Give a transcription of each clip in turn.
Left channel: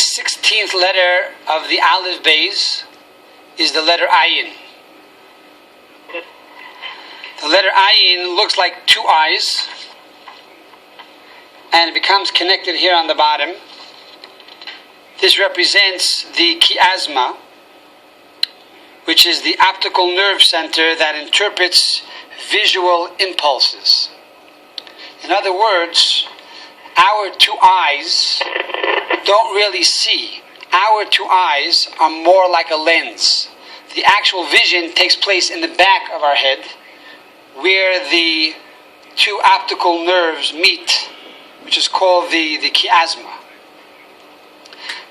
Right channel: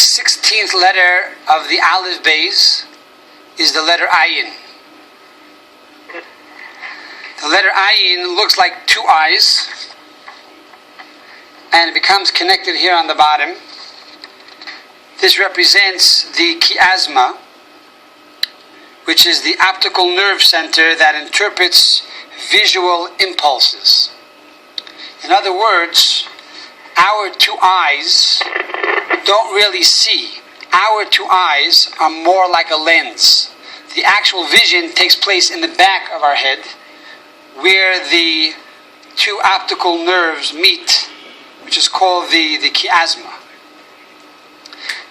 16th letter of the Aleph Beis is the letter Ayin. The letter Ayin looks like two eyes, and it becomes connected here on the bottom. This represents the chiasma, which is the optical nerve center that interprets visual impulses. In other words, our two eyes don't really see. Our two eyes are more like a lens. The actual vision takes place in the back of our head, where the two optical nerves meet, which is called the chiasma.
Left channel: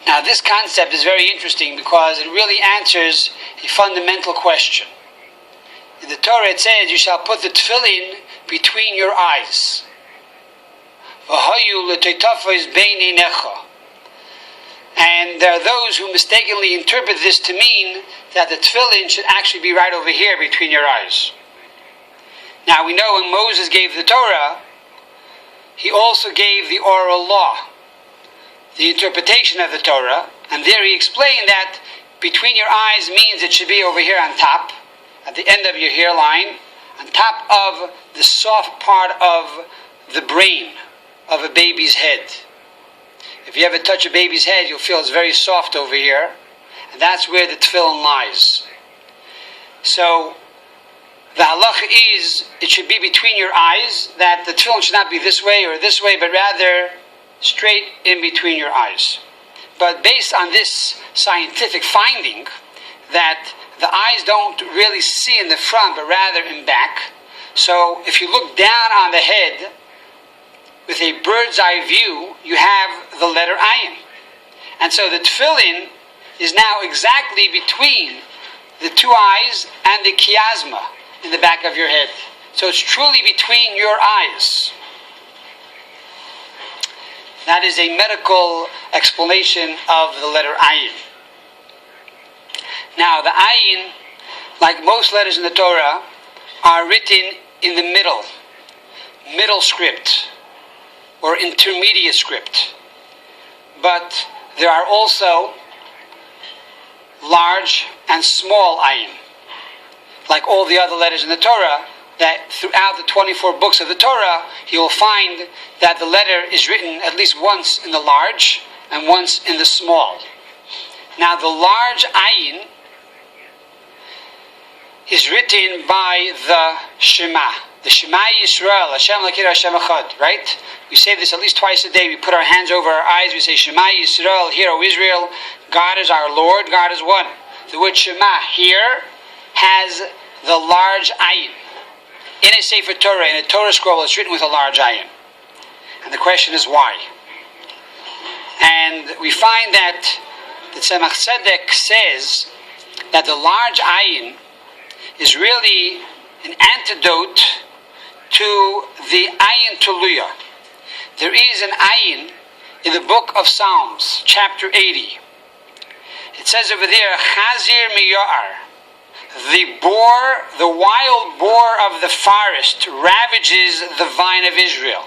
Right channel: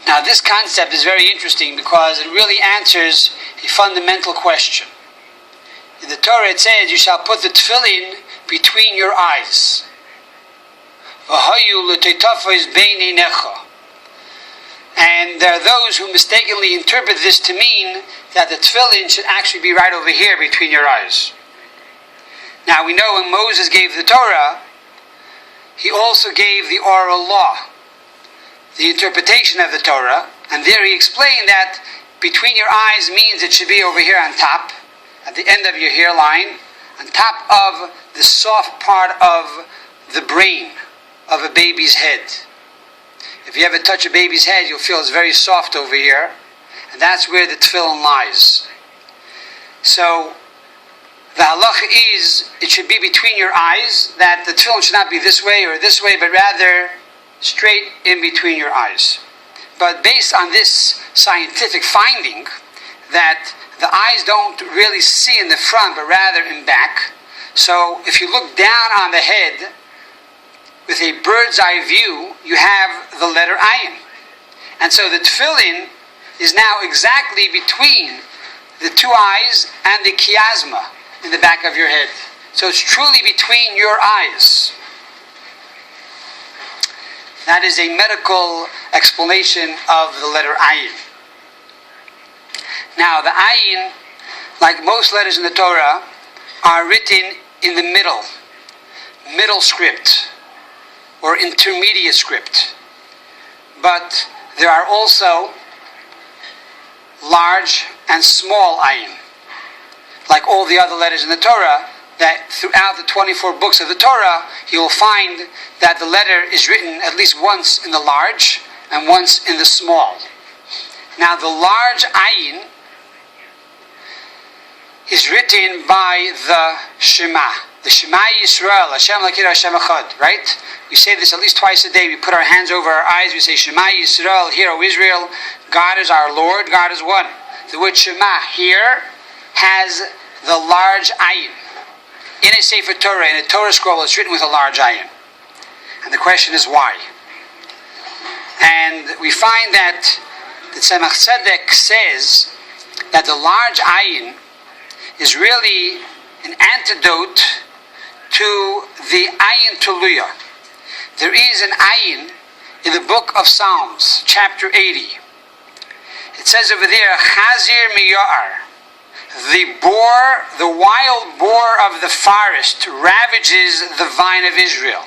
Now, this concept is very interesting because it really answers a fundamental question. In the Torah it says, you shall put the tefillin between your eyes. And there are those who mistakenly interpret this to mean that the tefillin should actually be right over here between your eyes. Now, we know when Moses gave the Torah, he also gave the oral law, the interpretation of the Torah, and there he explained that between your eyes means it should be over here on top, at the end of your hairline, on top of the soft part of the brain of a baby's head. If you ever touch a baby's head, you'll feel it's very soft over here, and that's where the tefillin lies. So, the halacha is, it should be between your eyes, that the tefillin should not be this way or this way, but rather straight in between your eyes. But based on this scientific finding, that the eyes don't really see in the front, but rather in back, so if you look down on the head with a bird's eye view, you have the letter Ayin. And so the tefillin is now exactly between the two eyes and the chiasma in the back of your head. So it's truly between your eyes. That is a medical explanation of the letter Ayin. Now, the Ayin, like most letters in the Torah, are written in the middle script, or intermediate script. But there are also large and small Ayin. Like all the other letters in the Torah, that throughout the 24 books of the Torah, you will find that the letter is written at least once in the large and once in the small. Now, the large Ayin is written by the Shema. The Shema Yisrael, Hashem Lakir Hashem Echad, right? We say this at least twice a day. We put our hands over our eyes. We say, Shema Yisrael, hear, O Israel, God is our Lord, God is one. The word Shema here has the large Ayin. In a Sefer Torah, in a Torah scroll, it's written with a large Ayin. And the question is why? And we find that the Tsadek says that the large Ayin is really an antidote to the Ayin Tuluya. There is an Ayin in the book of Psalms, chapter 80. It says over there, Chazir Miyar, the wild boar of the forest ravages the vine of Israel.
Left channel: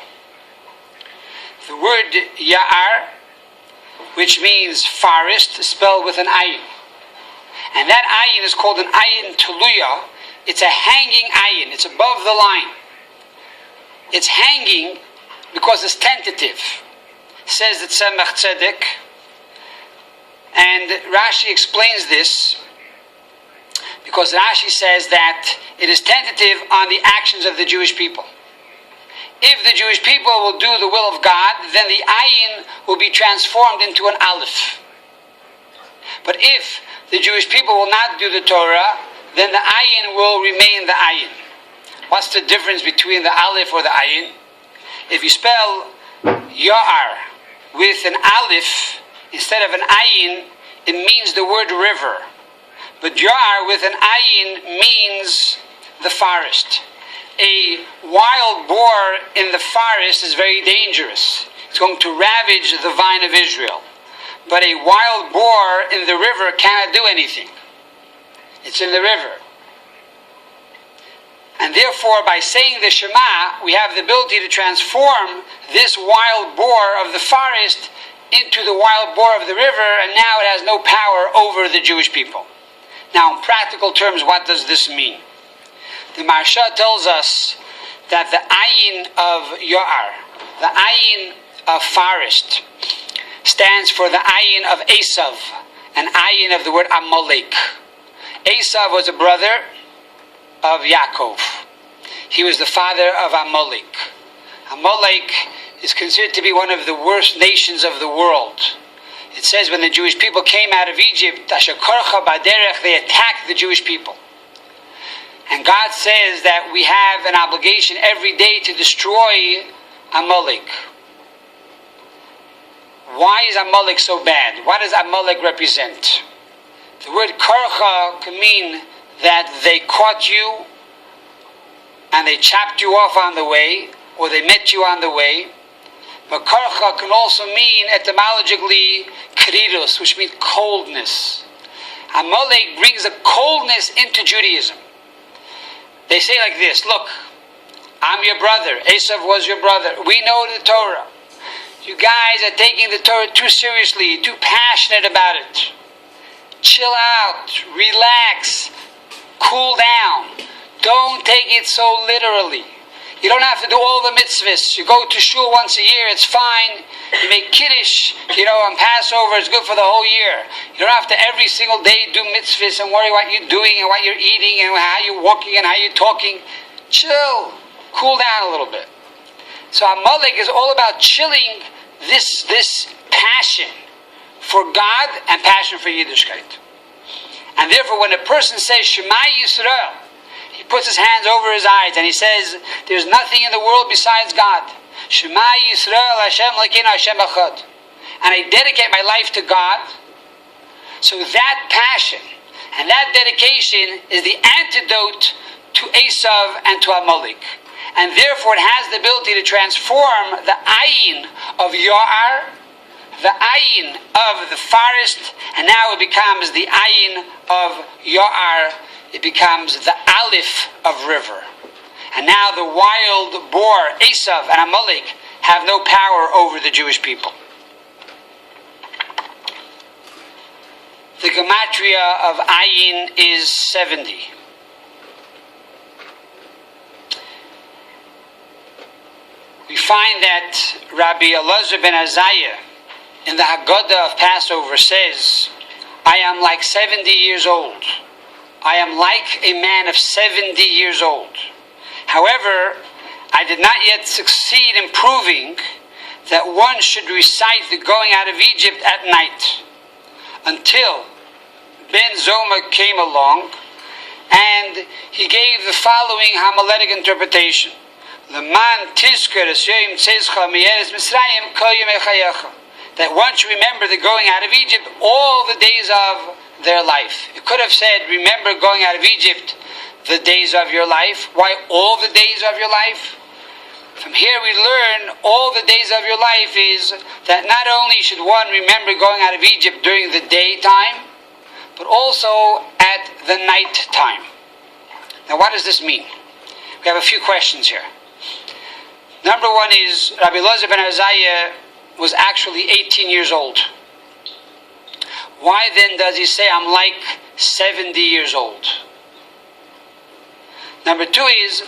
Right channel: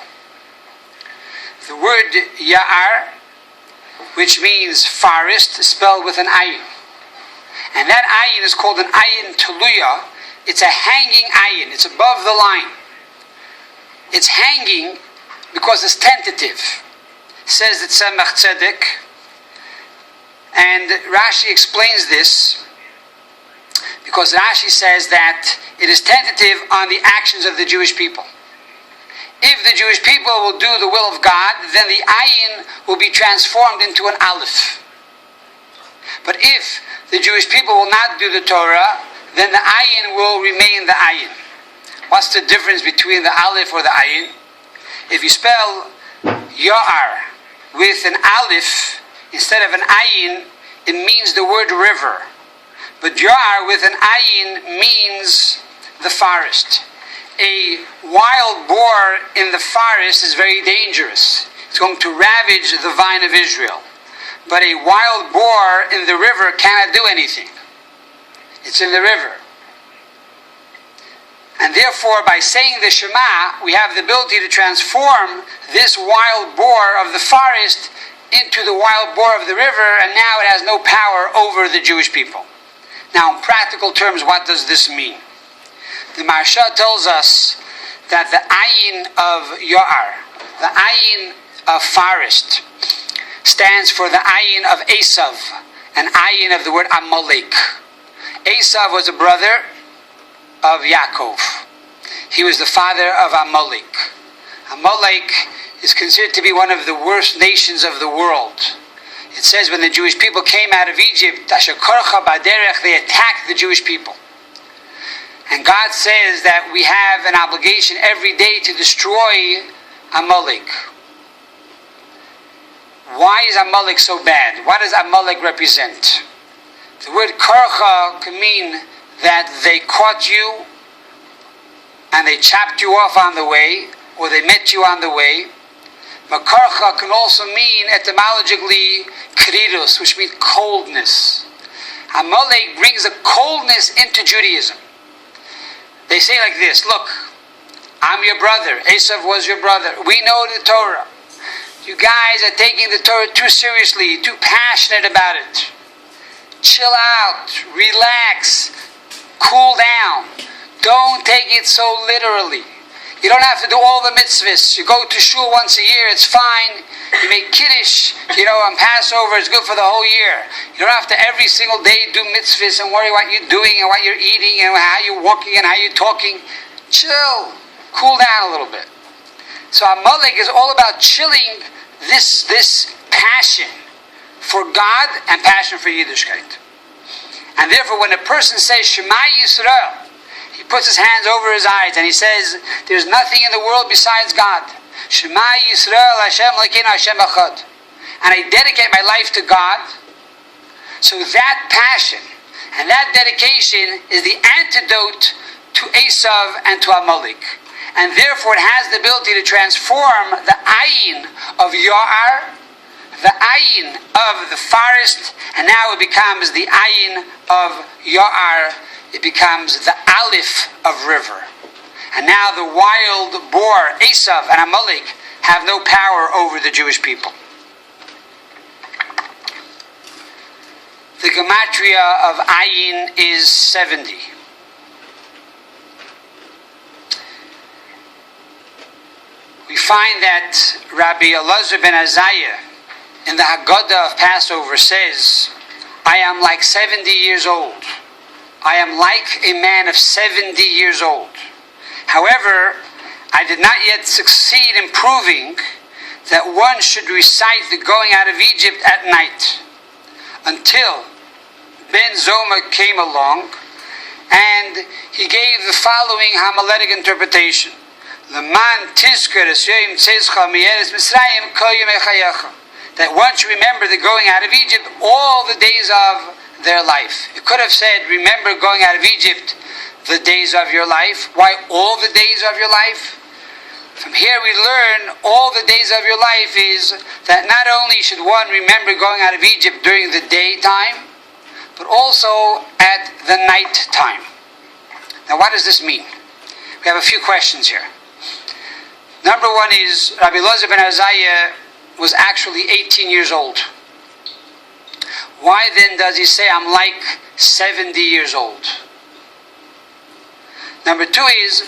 The word Ya'ar, which means forest, is spelled with an Ayin. And that Ayin is called an Ayin Tuluya. It's a hanging Ayin. It's above the line. It's hanging because it's tentative. Says the Tsadek. And Rashi explains this because Rashi says that it is tentative on the actions of the Jewish people. If the Jewish people will do the will of God, then the Ayin will be transformed into an Aleph. But if the Jewish people will not do the Torah, then the Ayin will remain the Ayin. What's the difference between the Aleph or the Ayin? If you spell Ya'ar with an Aleph instead of an Ayin, it means the word river. But Ya'ar with an Ayin means the forest. A wild boar in the forest is very dangerous. It's going to ravage the vine of Israel. But a wild boar in the river cannot do anything. It's in the river. And therefore, by saying the Shema, we have the ability to transform this wild boar of the forest into the wild boar of the river, and now it has no power over the Jewish people. Now, in practical terms, what does this mean? The Maharsha tells us that the Ayin of Ya'ar, the Ayin of forest, stands for the Ayin of Esav, an Ayin of the word Amalek. Esav was a brother of Yaakov. He was the father of Amalek. Amalek is considered to be one of the worst nations of the world. It says when the Jewish people came out of Egypt, they attacked the Jewish people. And God says that we have an obligation every day to destroy Amalek. Why is Amalek so bad? What does Amalek represent? The word karcha can mean that they caught you and they chopped you off on the way, or they met you on the way. But karcha can also mean etymologically krirus, which means coldness. Amalek brings a coldness into Judaism. They say like this: look, I'm your brother. Esav was your brother. We know the Torah. You guys are taking the Torah too seriously, too passionate about it. Chill out, relax, cool down. Don't take it so literally. You don't have to do all the mitzvahs. You go to shul once a year, it's fine. You make kiddush, on Passover, it's good for the whole year. You don't have to every single day do mitzvahs and worry what you're doing and what you're eating and how you're walking and how you're talking. Chill. Cool down a little bit. So Amalek is all about chilling this passion for God and passion for Yiddishkeit. And therefore when a person says Shema Yisrael, he puts his hands over his eyes and he says, there's nothing in the world besides God. Shema Yisrael Hashem Elokeinu Hashem Echad. And I dedicate my life to God. So that passion and that dedication is the antidote to Esav and to Amalek. And therefore it has the ability to transform the Ayin of Ya'ar, the Ayin of the forest, and now it becomes the Ayin of Ya'ar. It becomes the Aleph of river. And now the wild boar, Esav and Amalek, have no power over the Jewish people. The gematria of Ayin is 70. We find that Rabbi Elazar ben Azariah in the Haggadah of Passover says, I am like 70 years old. I am like a man of 70 years old. However, I did not yet succeed in proving that one should recite the going out of Egypt at night, until Ben Zoma came along and he gave the following homiletic interpretation. That one should remember the going out of Egypt all the days of their life. It could have said, remember going out of Egypt the days of your life. Why all the days of your life? From here we learn all the days of your life is that not only should one remember going out of Egypt during the daytime, but also at the night time. Now what does this mean? We have a few questions here. Number one is, Rabbi Elazar ben Azariah was actually 18 years old. Why then does he say, I'm like 70 years old? Number two is,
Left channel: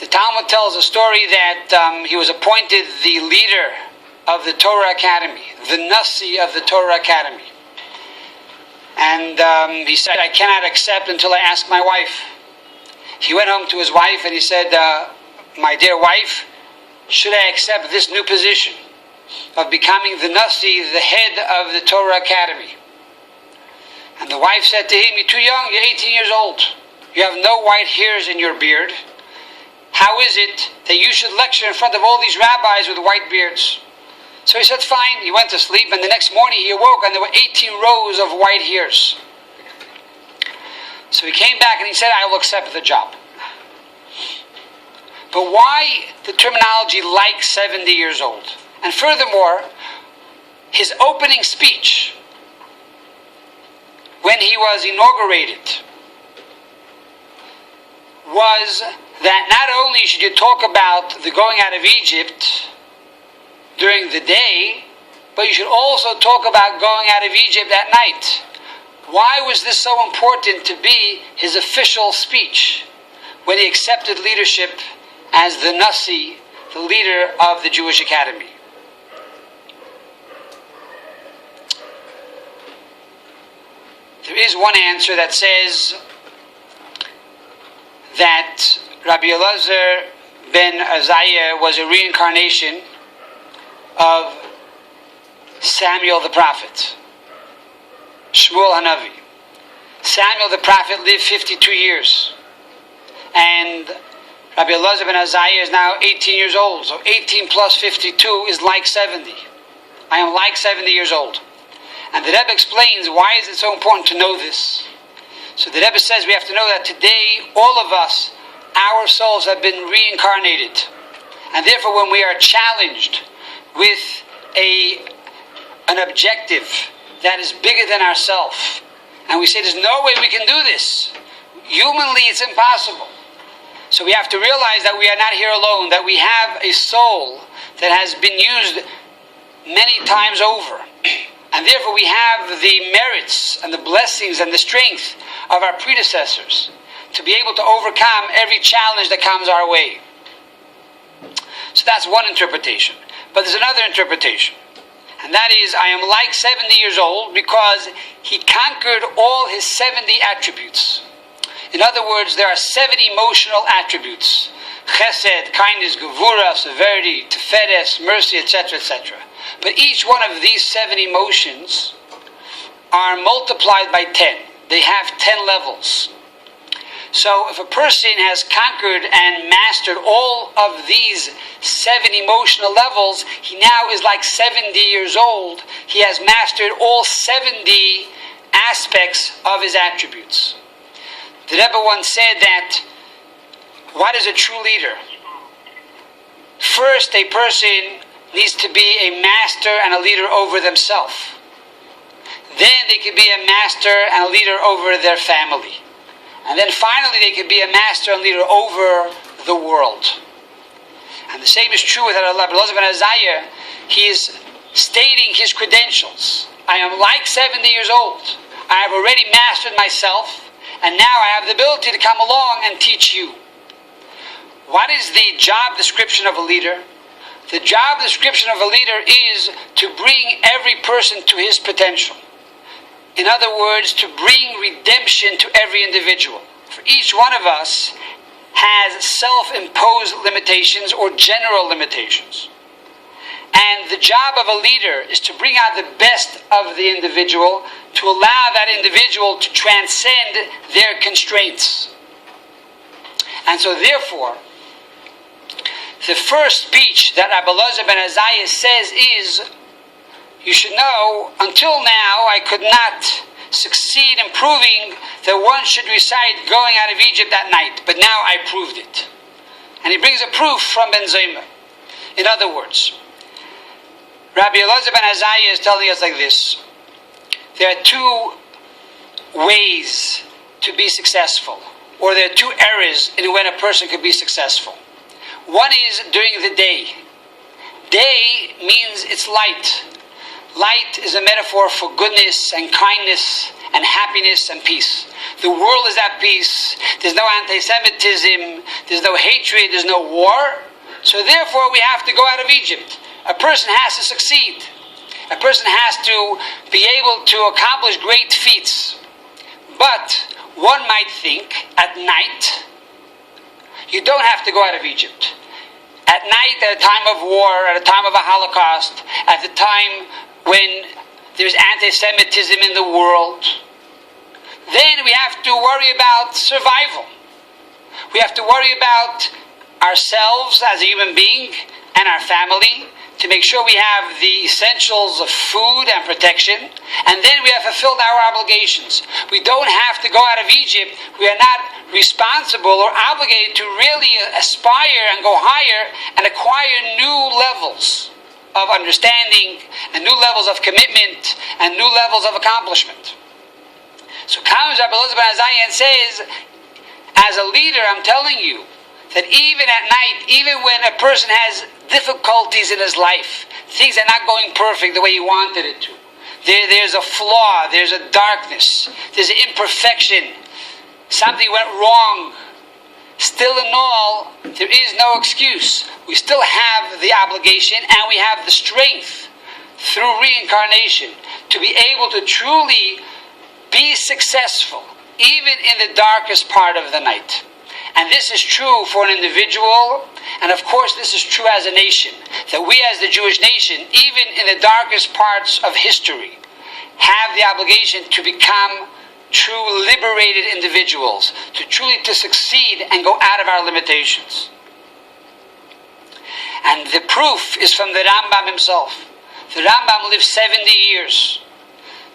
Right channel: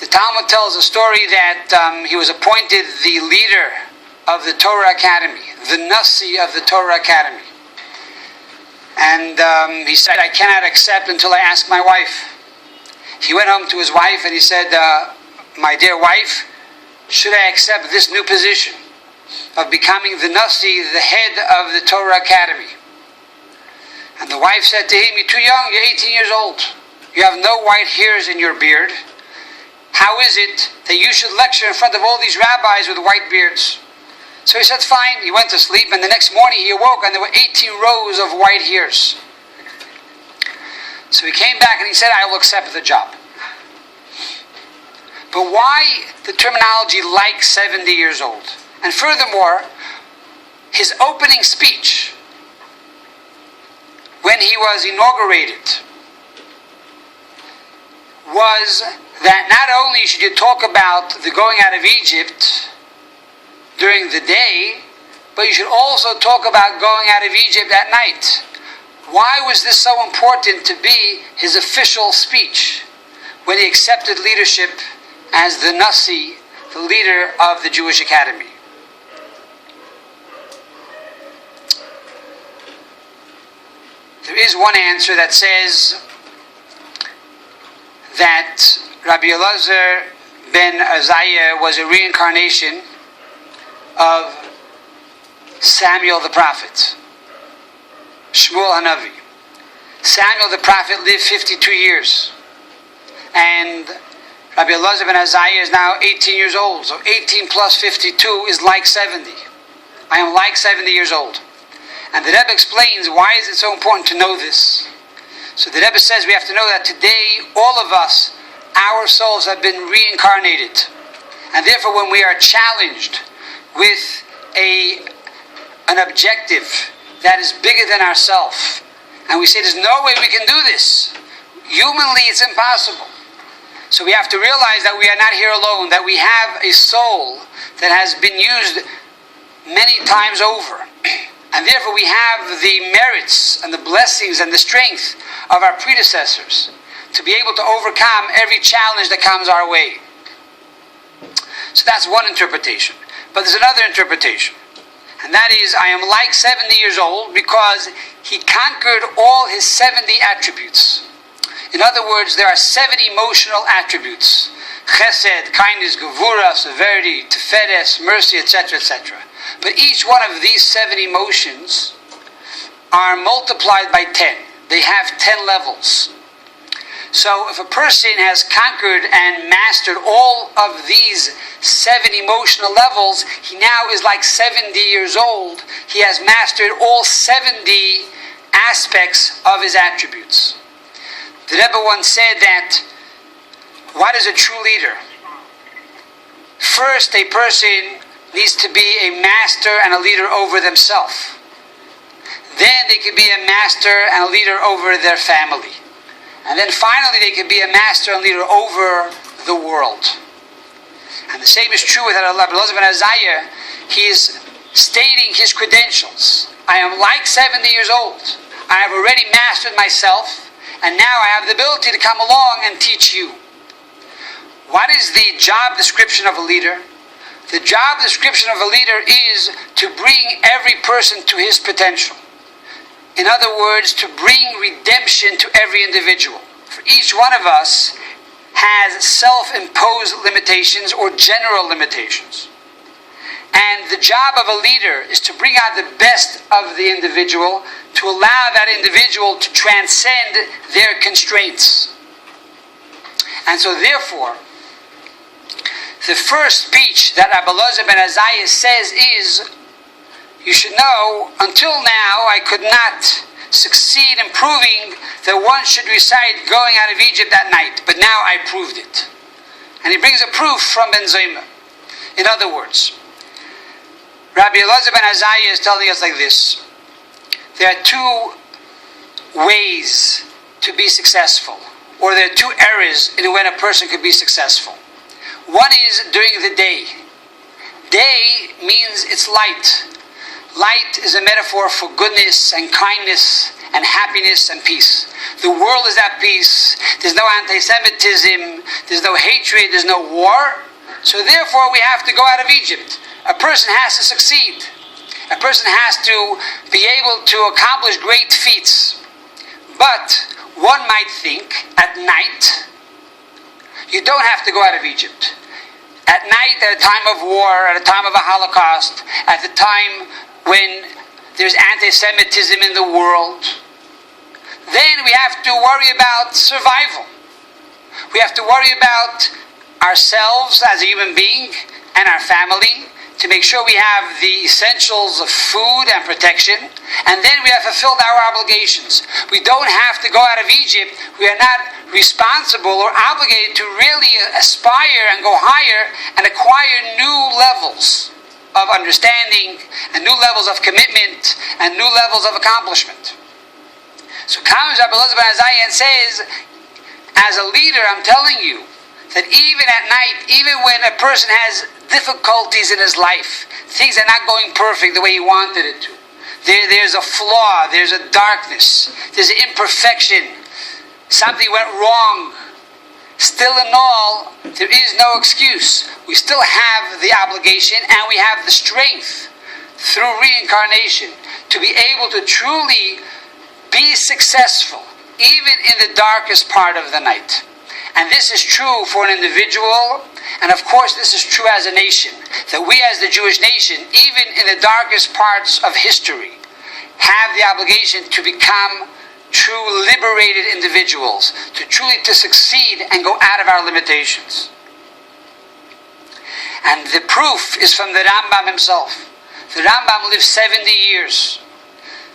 the Talmud tells a story that he was appointed the leader of the Torah Academy, the Nasi of the Torah Academy. And he said, I cannot accept until I ask my wife. He went home to his wife and he said, my dear wife, should I accept this new position of becoming the Nasi, the head of the Torah Academy? And the wife said to him, you're too young, you're 18 years old. You have no white hairs in your beard. How is it that you should lecture in front of all these rabbis with white beards? So he said, fine. He went to sleep, and the next morning he awoke, and there were 18 rows of white hairs. So he came back and he said, I will accept the job. But why the terminology like 70 years old? And furthermore, his opening speech, when he was inaugurated, was that not only should you talk about the going out of Egypt during the day, but you should also talk about going out of Egypt at night. Why was this so important to be his official speech when he accepted leadership as the Nasi, the leader of the Jewish Academy? There is one answer that says that Rabbi Elazar ben Azariah was a reincarnation of Samuel the prophet, Shmuel Hanavi. Samuel the prophet lived 52 years, and Rabbi Elazar ben Azariah is now 18 years old. So 18 plus 52 is like 70. I am like 70 years old. And the Rebbe explains why is it so important to know this. So the Rebbe says we have to know that today all of us, our souls have been reincarnated. And therefore when we are challenged with an objective that is bigger than ourselves, and we say there's no way we can do this, humanly it's impossible. So we have to realize that we are not here alone, that we have a soul that has been used many times over. And therefore we have the merits and the blessings and the strength of our predecessors to be able to overcome every challenge that comes our way. So that's one interpretation. But there's another interpretation. And that is, I am like 70 years old because he conquered all his 70 attributes. In other words, there are 7 emotional attributes. Chesed, kindness, gevura, severity, tiferes, mercy, etc., etc. But each one of these 7 emotions are multiplied by 10. They have 10 levels. So if a person has conquered and mastered all of these 7 emotional levels, he now is like 70 years old. He has mastered all 70 aspects of his attributes. The Rebbe once said that, what is a true leader? First, a person needs to be a master and a leader over themselves. Then they could be a master and a leader over their family. And then finally they could be a master and leader over the world. And the same is true with Rabbi Elazar ben Azariah. He is stating his credentials. I am like 70 years old. I have already mastered myself, and now I have the ability to come along and teach you. What is the job description of a leader? The job description of a leader is to bring every person to his potential. In other words, to bring redemption to every individual. For each one of us has self-imposed limitations or general limitations. And the job of a leader is to bring out the best of the individual, to allow that individual to transcend their constraints. And so therefore, the first speech that Rabbi Elazar ben Azariah says is, you should know, until now I could not succeed in proving that one should recite going out of Egypt at night, but now I proved it. And he brings a proof from Ben Zoma. In other words, Rabbi Elazar ben Azariah is telling us like this: there are 2 ways to be successful, or there are 2 eras in when a person could be successful. One is during the day. Day means it's light. Light is a metaphor for goodness and kindness and happiness and peace. The world is at peace. There's no anti-Semitism. There's no hatred. There's no war. So therefore we have to go out of Egypt. A person has to succeed. A person has to be able to accomplish great feats. But one might think at night, you don't have to go out of Egypt. At night, at a time of war, at a time of a Holocaust, at the time when there's anti-Semitism in the world, then we have to worry about survival. We have to worry about ourselves as a human being and our family, to make sure we have the essentials of food and protection, and then we have fulfilled our obligations. We don't have to go out of Egypt. We are not responsible or obligated to really aspire and go higher and acquire new levels of understanding and new levels of commitment and new levels of accomplishment. So comes Rabbi Elazar ben Azariah and says, as a leader, I'm telling you, that even at night, even when a person has difficulties in his life, things are not going perfect the way he wanted it to. There's a flaw, there's a darkness, there's an imperfection, something went wrong. Still in all, there is no excuse. We still have the obligation and we have the strength through reincarnation to be able to truly be successful even in the darkest part of the night. And this is true for an individual, and of course this is true as a nation, that we as the Jewish nation, even in the darkest parts of history, have the obligation to become true liberated individuals, to truly to succeed and go out of our limitations. And the proof is from the Rambam himself. The Rambam lived 70 years.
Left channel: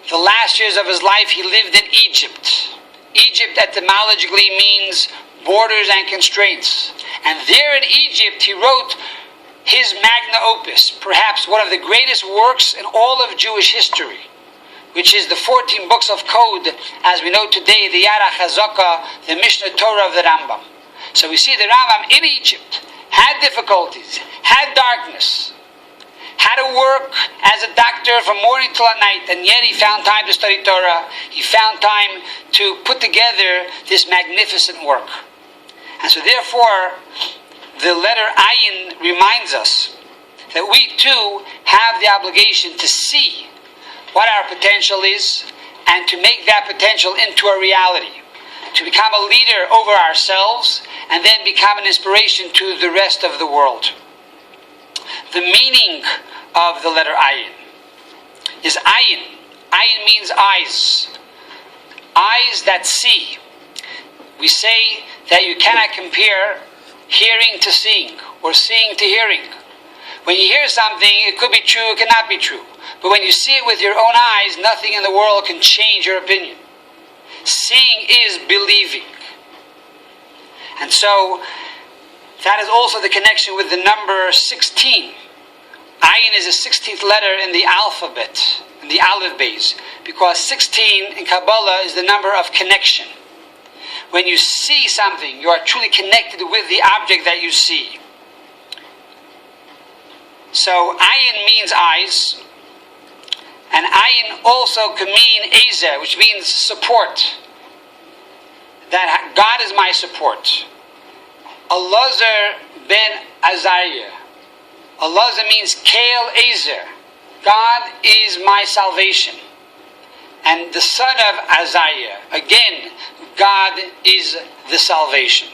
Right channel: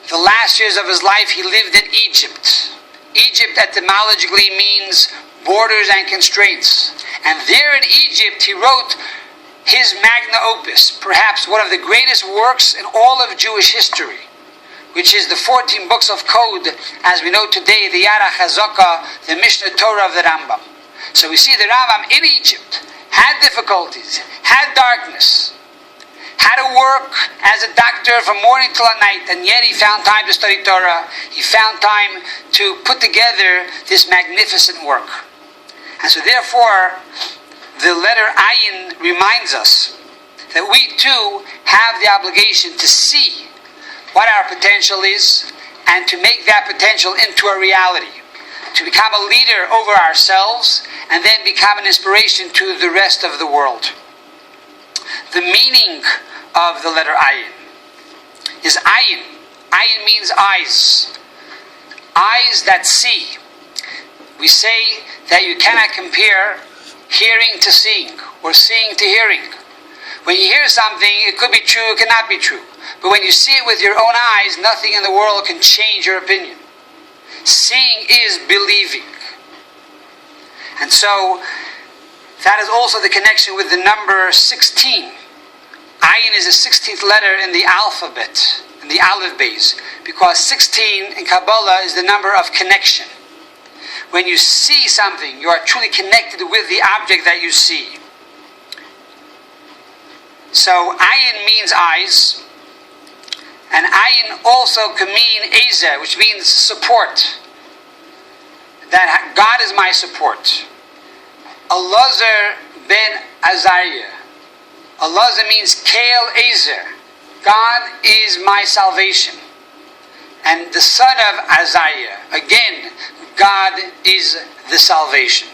The last years of his life he lived in Egypt. Egypt etymologically means borders and constraints. And there in Egypt he wrote his magna opus, perhaps one of the greatest works in all of Jewish history, which is the 14 books of code, as we know today, the Yara Chazaka, the Mishnah Torah of the Rambam. So we see the Rambam in Egypt had difficulties, had darkness, had to work as a doctor from morning till at night, and yet he found time to study Torah. He found time to put together this magnificent work. And so therefore, the letter Ayin reminds us that we too have the obligation to see what our potential is and to make that potential into a reality, to become a leader over ourselves and then become an inspiration to the rest of the world. The meaning of the letter Ayin is Ayin. Ayin means eyes. Eyes that see. We say that you cannot compare hearing to seeing or seeing to hearing. When you hear something, it could be true, it cannot be true. But when you see it with your own eyes, nothing in the world can change your opinion. Seeing is believing. And so, that is also the connection with the number 16. Ayin is the 16th letter in the alphabet, in the Aleph Beis, because 16 in Kabbalah is the number of connection. When you see something, you are truly connected with the object that you see. So, Ayin means eyes. And Ayin also can mean Ezer, which means support. That God is my support. Elazar ben Azariah. Elazar means Kael Ezer. God is my salvation. And the son of Azariah, again, God is the salvation.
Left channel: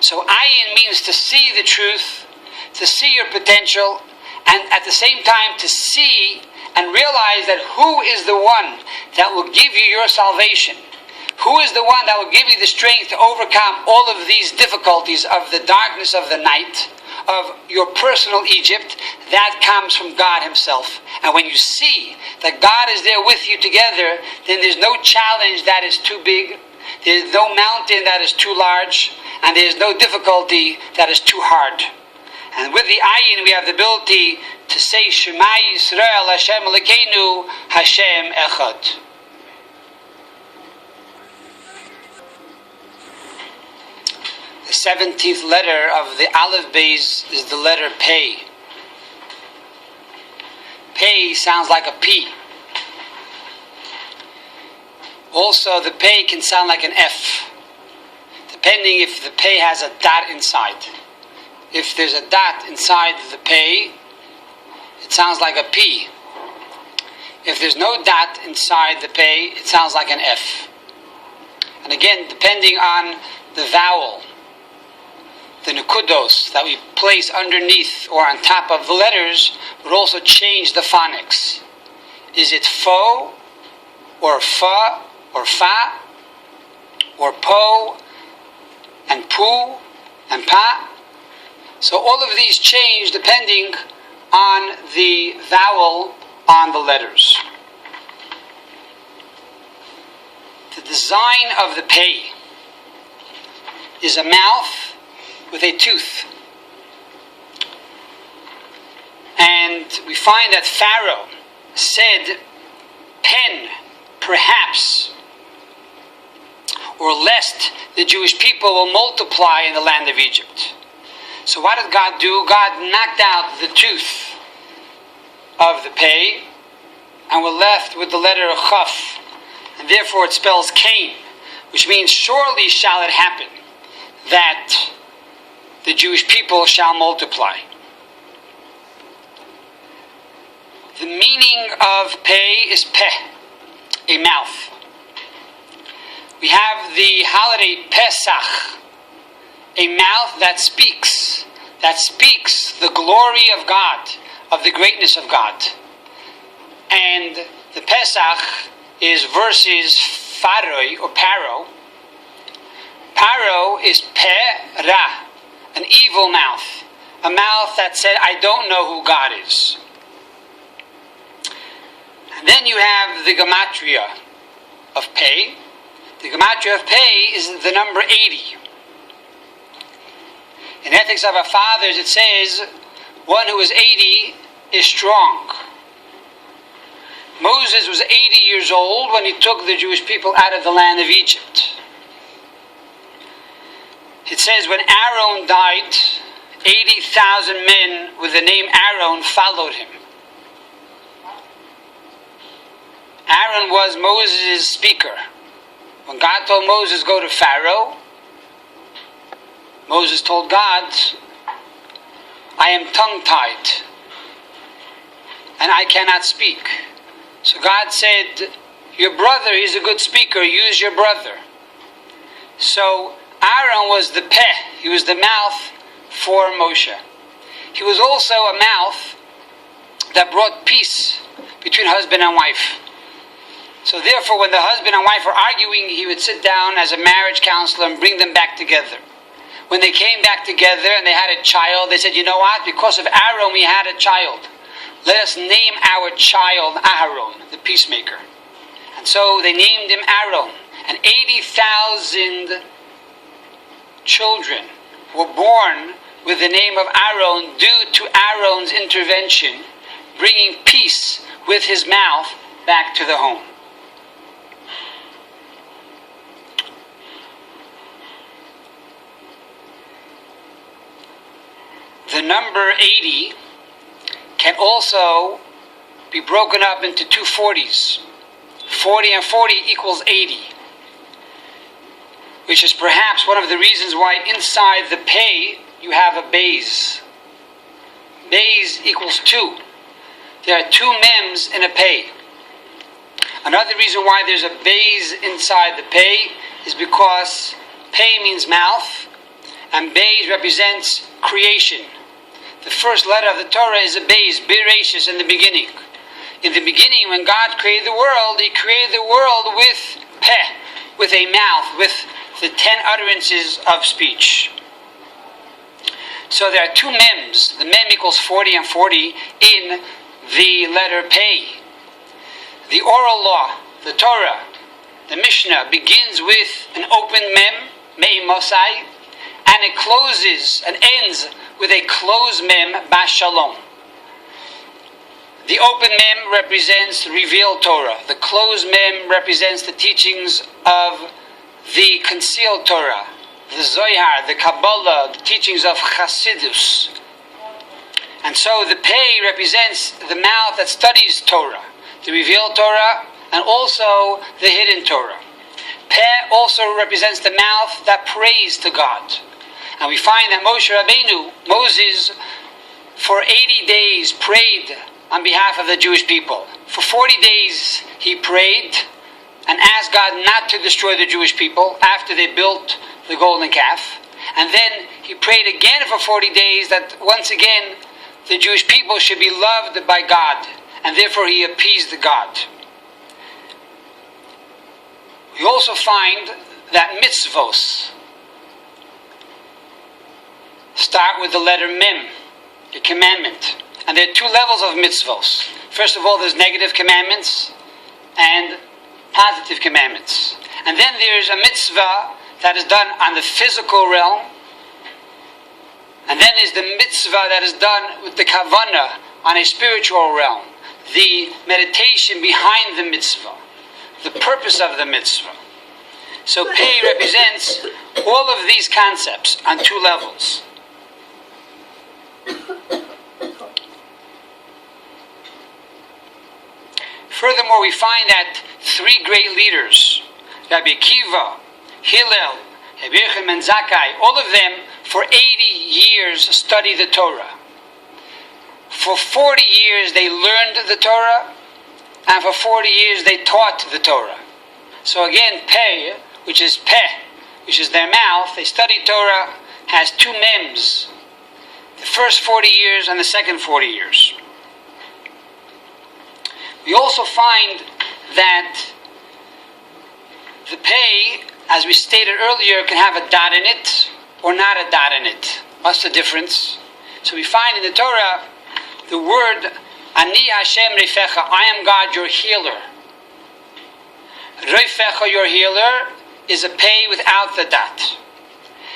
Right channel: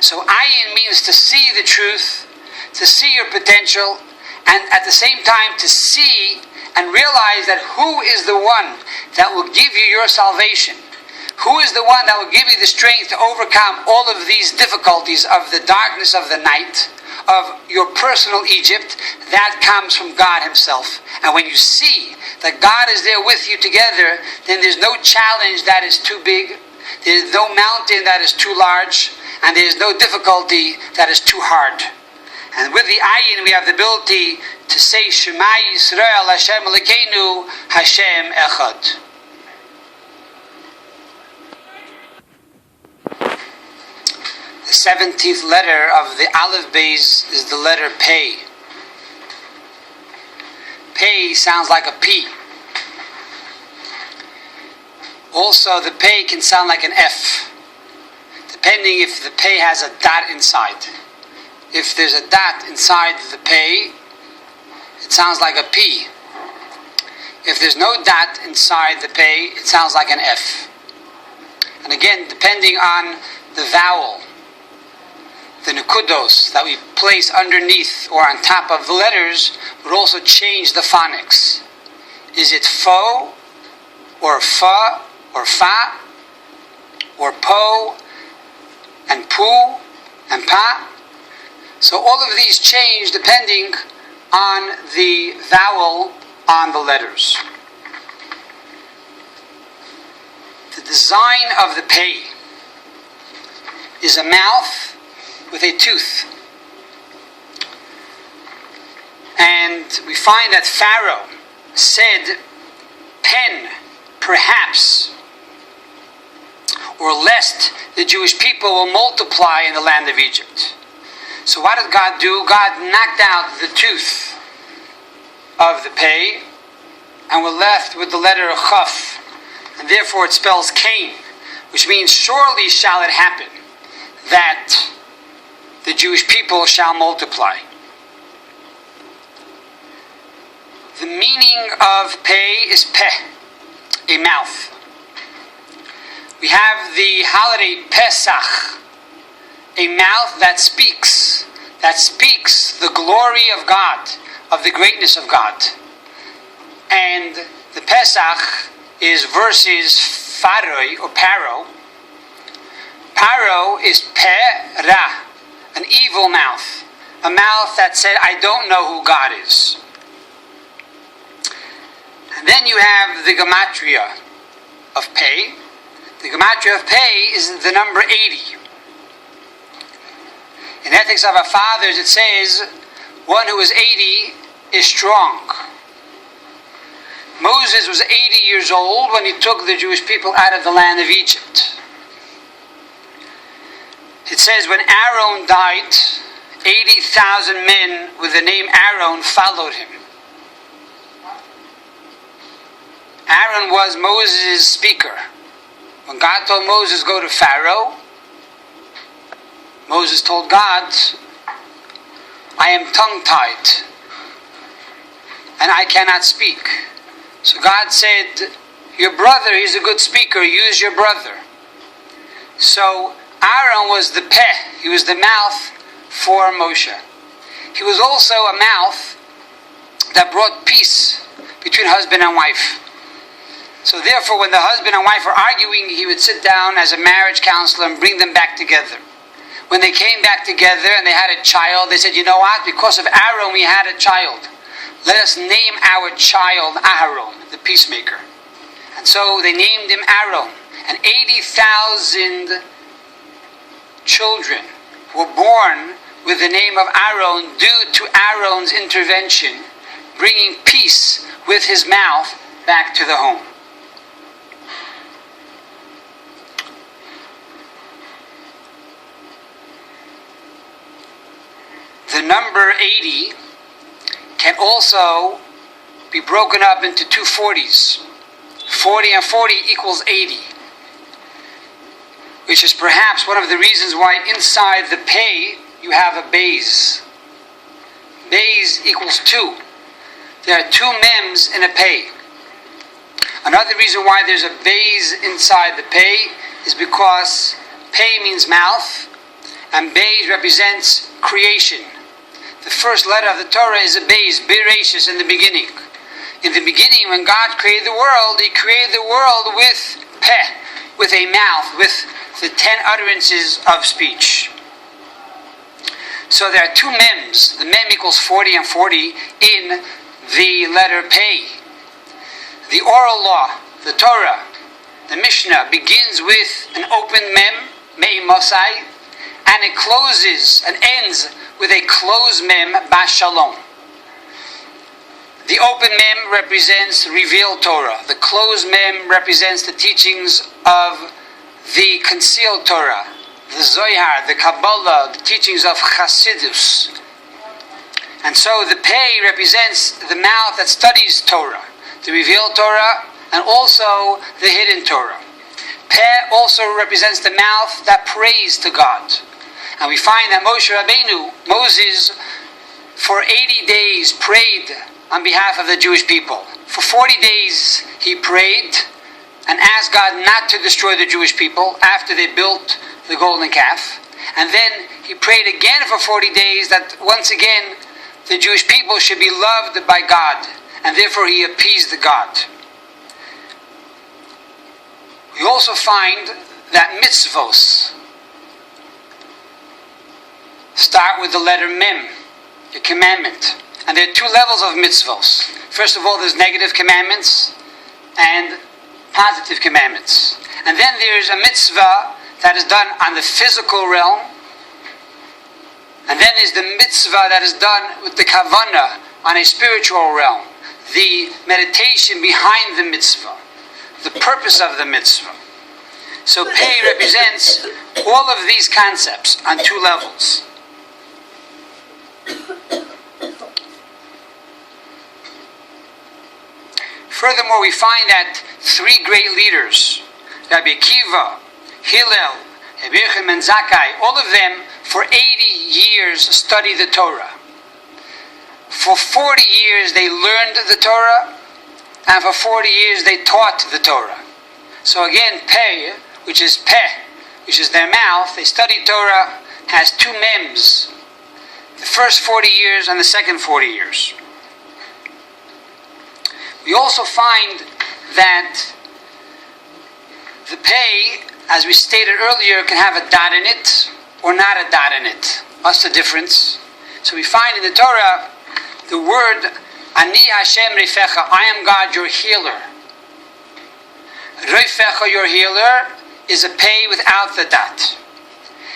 So Ayin means to see the truth, to see your potential, and at the same time to see and realize that who is the one that will give you your salvation? Who is the one that will give you the strength to overcome all of these difficulties of the darkness of the night, of your personal Egypt? That comes from God himself. And when you see that God is there with you together, then there's no challenge that is too big, there's no mountain that is too large, and there's no difficulty that is too hard. And with the Ayin, we have the ability to say, Shema Yisrael, Hashem Elokeinu, Hashem Echad. The 17th letter of the Aleph Beis is the letter Pei. Pei sounds like a P. Also, the Pei can sound like an F, depending if the Pei has a dot inside. If there's a dot inside the Pei, it sounds like a P. If there's no dot inside the Pei, it sounds like an F. And again, depending on the vowel, the nukudos that we place underneath or on top of the letters would also change the phonics. Is it fo, or fa, or fa, or po, and pu, and pa? So all of these change depending on the vowel on the letters. The design of the Pei is a mouth with a tooth. And we find that Pharaoh said, pen, perhaps, or lest the Jewish people will multiply in the land of Egypt. So what did God do? God knocked out the tooth of the pei, and we're left with the letter chaf, and therefore it spells Cain, which means surely shall it happen that the Jewish people shall multiply. The meaning of pei is peh, a mouth. We have the holiday Pesach, a mouth that speaks the glory of God, of the greatness of God. And the Pesach is versus Faroi or Paro. Paro is Pe-Ra, an evil mouth, a mouth that said, I don't know who God is. And then you have the gematria of Pei. The gematria of Pei is the number 80. In Ethics of Our Fathers it says, one who is 80 is strong. Moses was 80 years old when he took the Jewish people out of the land of Egypt. It says when Aaron died, 80,000 men with the name Aaron followed him. Aaron was Moses' speaker. When God told Moses, go to Pharaoh, Moses told God, I am tongue-tied and I cannot speak. So God said, your brother, he's a good speaker, use your brother. So Aaron was the peh, he was the mouth for Moshe. He was also a mouth that brought peace between husband and wife. So therefore, when the husband and wife were arguing, he would sit down as a marriage counselor and bring them back together. When they came back together and they had a child, they said, you know what? Because of Aaron, we had a child. Let us name our child Aharon, the peacemaker. And so they named him Aaron. And 80,000 children were born with the name of Aaron due to Aaron's intervention, bringing peace with his mouth back to the home. The number 80 can also be broken up into two 40s. 40 and 40 equals 80, which is perhaps one of the reasons why inside the pei you have a bays. Bays equals 2. There are two mems in a pei. Another reason why there's a bays inside the pei is because pei means mouth and bays represents creation. The first letter of the Torah is a bays, Bereshis, in the beginning. In the beginning, when God created the world, He created the world with peh, with a mouth, with the 10 utterances of speech. So there are two mems. The mem equals 40 and 40 in the letter pei. The oral law, the Torah, the Mishnah, begins with an open mem, mei mosai, and it closes and ends with a closed mem, bas shalom. The open mem represents revealed Torah. The closed mem represents the teachings of the concealed Torah, the Zohar, the Kabbalah, the teachings of Chassidus. And so the pei represents the mouth that studies Torah, the revealed Torah, and also the hidden Torah. Peh also represents the mouth that prays to God. And we find that Moshe Rabbeinu, Moses, for 80 days prayed on behalf of the Jewish people. For 40 days he prayed and asked God not to destroy the Jewish people after they built the golden calf. And then he prayed again for 40 days that once again the Jewish people should be loved by God. And therefore he appeased God. We also find that mitzvos start with the letter mem, a commandment. And there are two levels of mitzvos. First of all, there's negative commandments and positive commandments. And then there's a mitzvah that is done on the physical realm. And then there's the mitzvah that is done with the kavanah on a spiritual realm. The meditation behind the mitzvah. The purpose of the mitzvah. So Pei represents all of these concepts on two levels. Furthermore, we find that three great leaders, Rabbi Akiva, Hillel, Rabbi Yochanan and Zakkai, all of them for 80 years studied the Torah. For 40 years they learned the Torah, and for 40 years they taught the Torah. So again, Peh, which is their mouth, they studied Torah, has two mems. The first 40 years and the second 40 years. We also find that the Peh, as we stated earlier, can have a dot in it or not a dot in it. What's the difference? So we find in the Torah the word Ani Hashem Reifecha, I am God, your healer. Reifecha, your healer, is a Peh without the dot.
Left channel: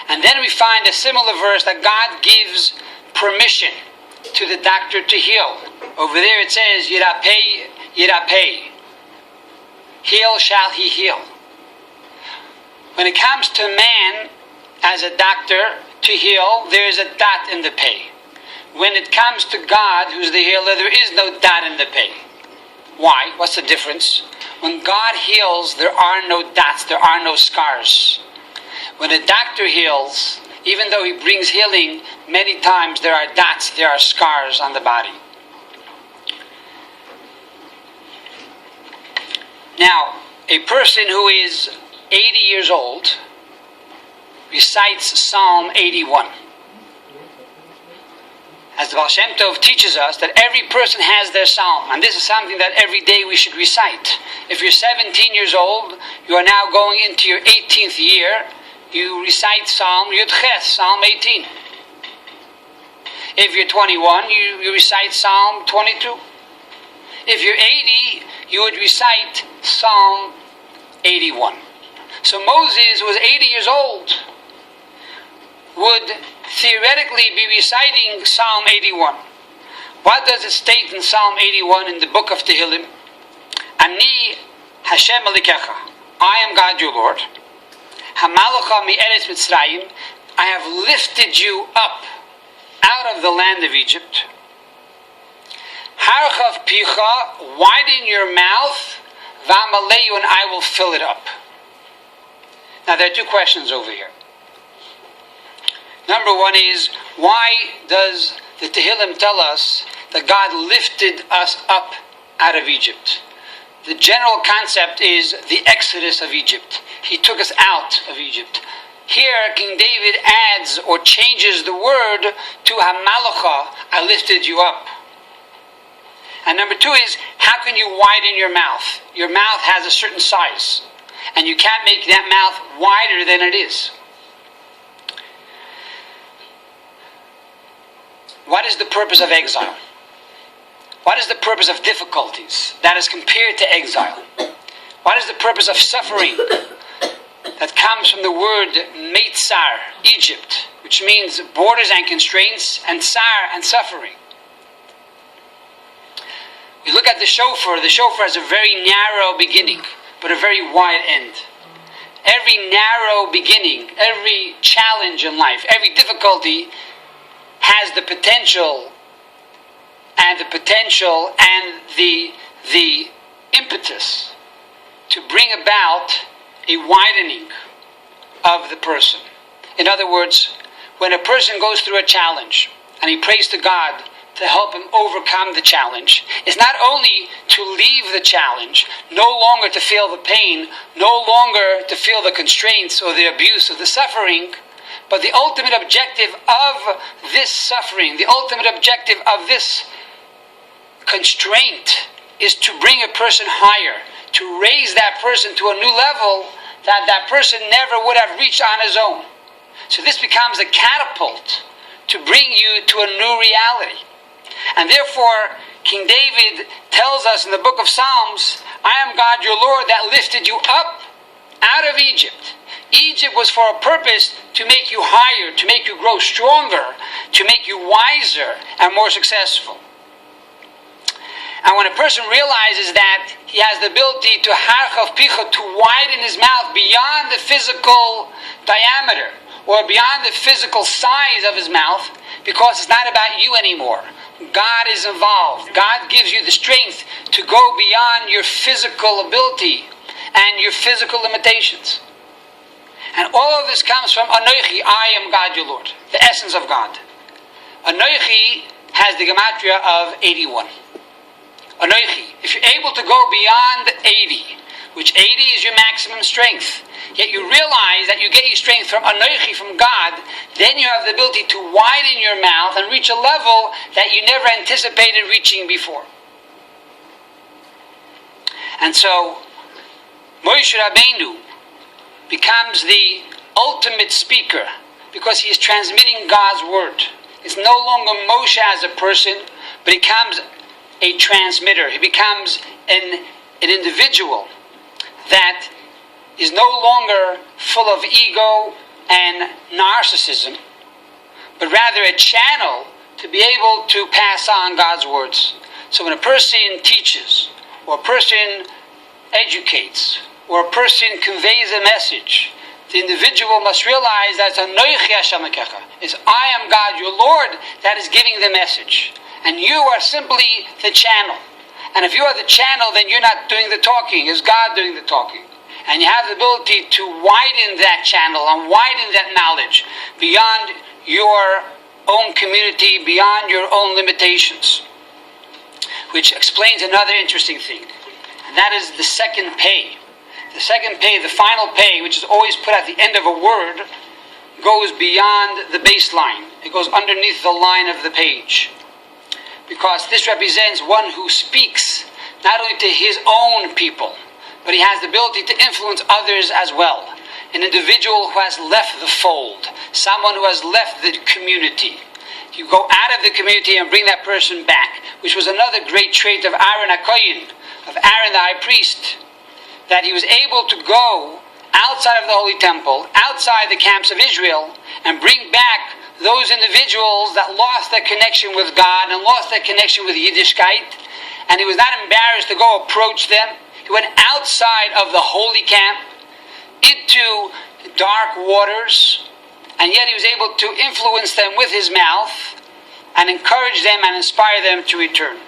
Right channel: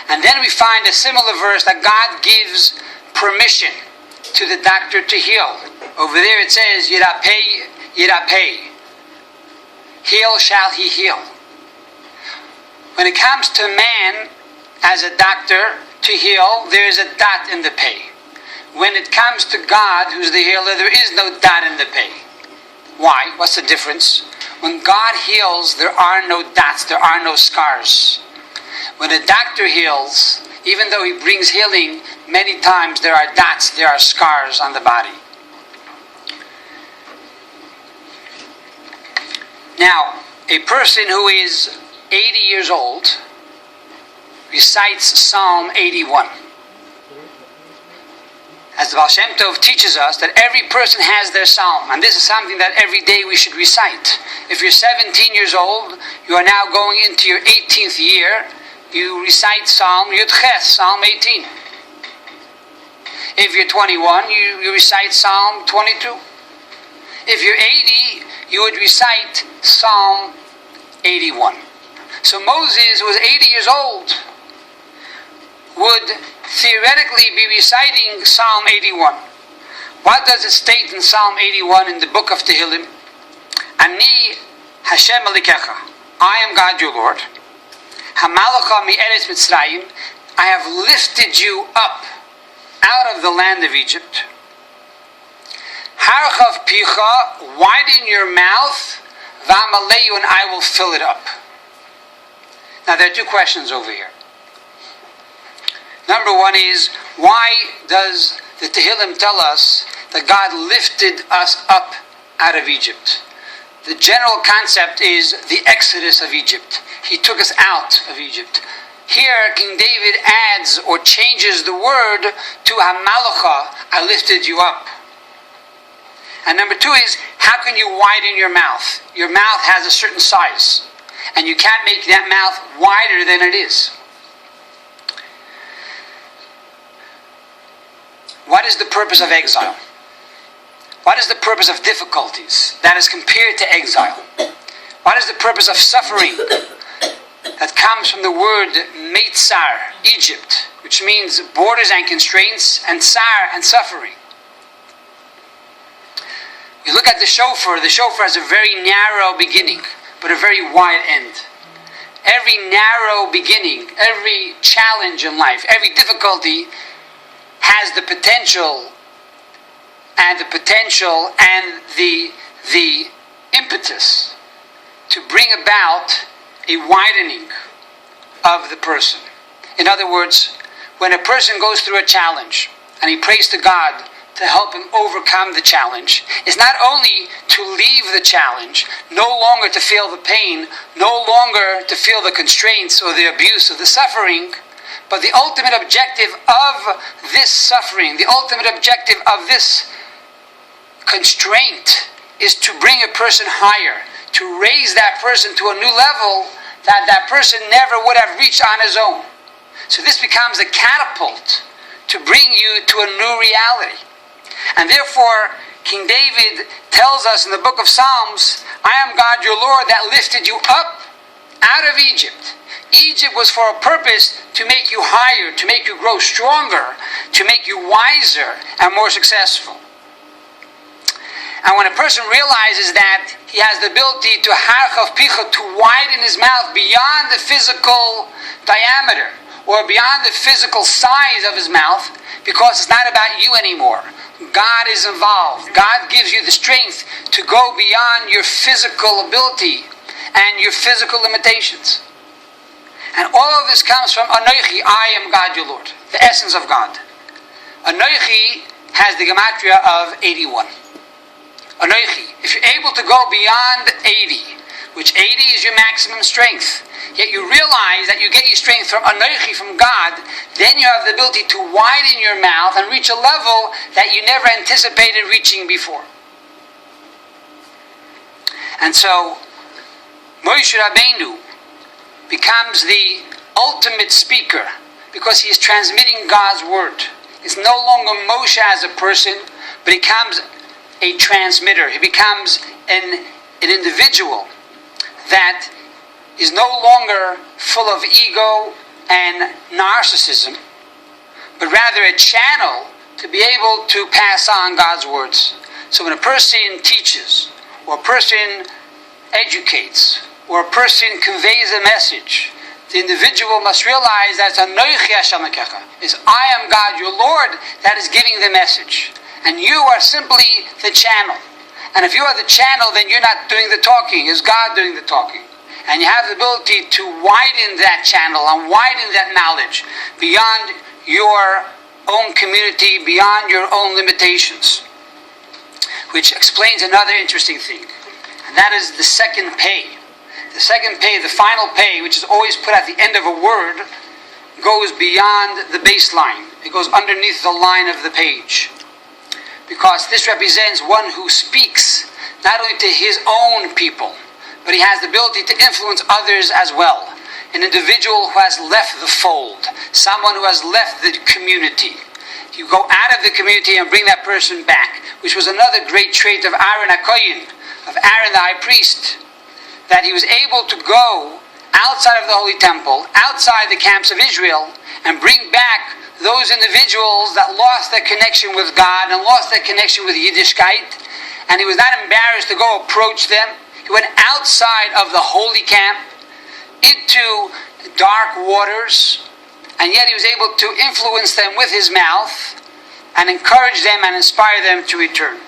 And then we find a similar verse that God gives permission to the doctor to heal. Over there it says, Yirapeh, Yirapeh. Heal shall he heal. When it comes to man as a doctor to heal, there is a dot in the Peh. When it comes to God, who's the healer, there is no dot in the Peh. Why? What's the difference? When God heals, there are no dots, there are no scars. When a doctor heals, even though he brings healing, many times there are dots, there are scars on the body. Now, a person who is 80 years old recites Psalm 81. As the Baal Shem Tov teaches us that every person has their psalm, and this is something that every day we should recite. If you're 17 years old, you are now going into your 18th year, you recite Psalm Yud Ches, Psalm 18. If you're 21, you recite Psalm 22. If you're 80, you would recite Psalm 81. So Moses, who was 80 years old, would theoretically be reciting Psalm 81. What does it state in Psalm 81 in the book of Tehillim? Ani Hashem Elikecha, I am God your Lord. Hamalacha mi Eretz Mitzrayim, I have lifted you up out of the land of Egypt. Harchav picha, widen your mouth, v'amaleyu, and I will fill it up. Now there are two questions over here. Number one is, why does the Tehillim tell us that God lifted us up out of Egypt? The general concept is the exodus of Egypt. He took us out of Egypt. Here, King David adds or changes the word to Hamalacha, I lifted you up. And number two is, how can you widen your mouth? Your mouth has a certain size, and you can't make that mouth wider than it is. What is the purpose of exile? What is the purpose of difficulties that is compared to exile? What is the purpose of suffering that comes from the word Meitzar, Egypt, which means borders and constraints, and Tsar and suffering? We look at the shofar has a very narrow beginning, but a very wide end. Every narrow beginning, every challenge in life, every difficulty has the potential and the impetus to bring about a widening of the person. In other words, when a person goes through a challenge and he prays to God to help him overcome the challenge, it's not only to leave the challenge, no longer to feel the pain, no longer to feel the constraints or the abuse or the suffering, but the ultimate objective of this suffering, the ultimate objective of this constraint is to bring a person higher, to raise that person to a new level that that person never would have reached on his own. So this becomes a catapult to bring you to a new reality. And therefore, King David tells us in the book of Psalms, I am God your Lord that lifted you up out of Egypt. Egypt was for a purpose to make you higher, to make you grow stronger, to make you wiser and more successful. And when a person realizes that he has the ability to harchav picha, to widen his mouth beyond the physical diameter or beyond the physical size of his mouth, because it's not about you anymore. God is involved. God gives you the strength to go beyond your physical ability and your physical limitations. And all of this comes from Anoichi, I am God your Lord, the essence of God. Anoichi has the gematria of 81. Anoichi, if you're able to go beyond 80, which 80 is your maximum strength, yet you realize that you get your strength from Anoichi, from God, then you have the ability to widen your mouth and reach a level that you never anticipated reaching before. And so, Moshe Rabbeinu becomes the ultimate speaker because he is transmitting God's word. It's no longer Moshe as a person, but he becomes a transmitter. He becomes an individual that is no longer full of ego and narcissism, but rather a channel to be able to pass on God's words. So when a person teaches, or a person educates, or a person conveys a message, the individual must realize that it's I am God, your Lord, that is giving the message. And you are simply the channel. And if you are the channel, then you're not doing the talking. It's God doing the talking. And you have the ability to widen that channel and widen that knowledge beyond your own community, beyond your own limitations. Which explains another interesting thing. And that is the second pay. The second pay, the final pay, which is always put at the end of a word, goes beyond the baseline. It goes underneath the line of the page. Because this represents one who speaks not only to his own people, but he has the ability to influence others as well. An individual who has left the fold, someone who has left the community. You go out of the community and bring that person back, which was another great trait of Aaron HaKoyin, of Aaron the high priest, that he was able to go outside of the Holy Temple, outside the camps of Israel, and bring back those individuals that lost their connection with God and lost their connection with Yiddishkeit, and he was not embarrassed to go approach them. He went outside of the holy camp into dark waters, and yet he was able to influence them with his mouth and encourage them and inspire them to return.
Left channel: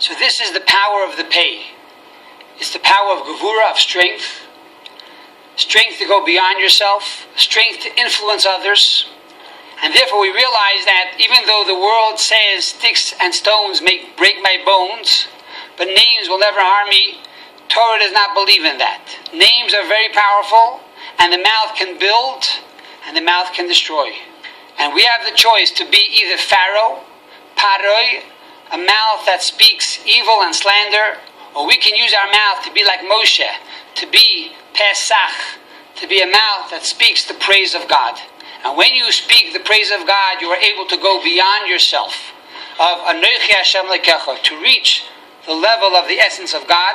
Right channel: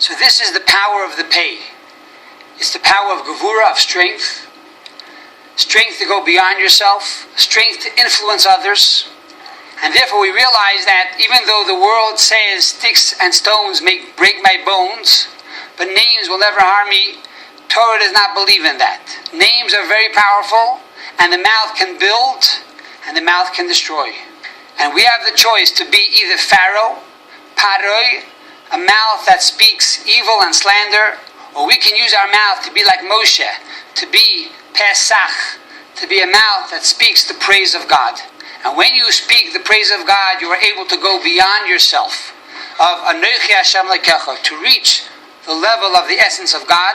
So this is the power of the pay. It's the power of gevura, of strength. Strength to go beyond yourself. Strength to influence others. And therefore we realize that even though the world says sticks and stones may break my bones, but names will never harm me, Torah does not believe in that. Names are very powerful, and the mouth can build, and the mouth can destroy. And we have the choice to be either Pharaoh, Paroi, a mouth that speaks evil and slander, or we can use our mouth to be like Moshe, to be Pesach, to be a mouth that speaks the praise of God. And when you speak the praise of God, you are able to go beyond yourself, of Anochi Hashem Lekecha, to reach the level of the essence of God,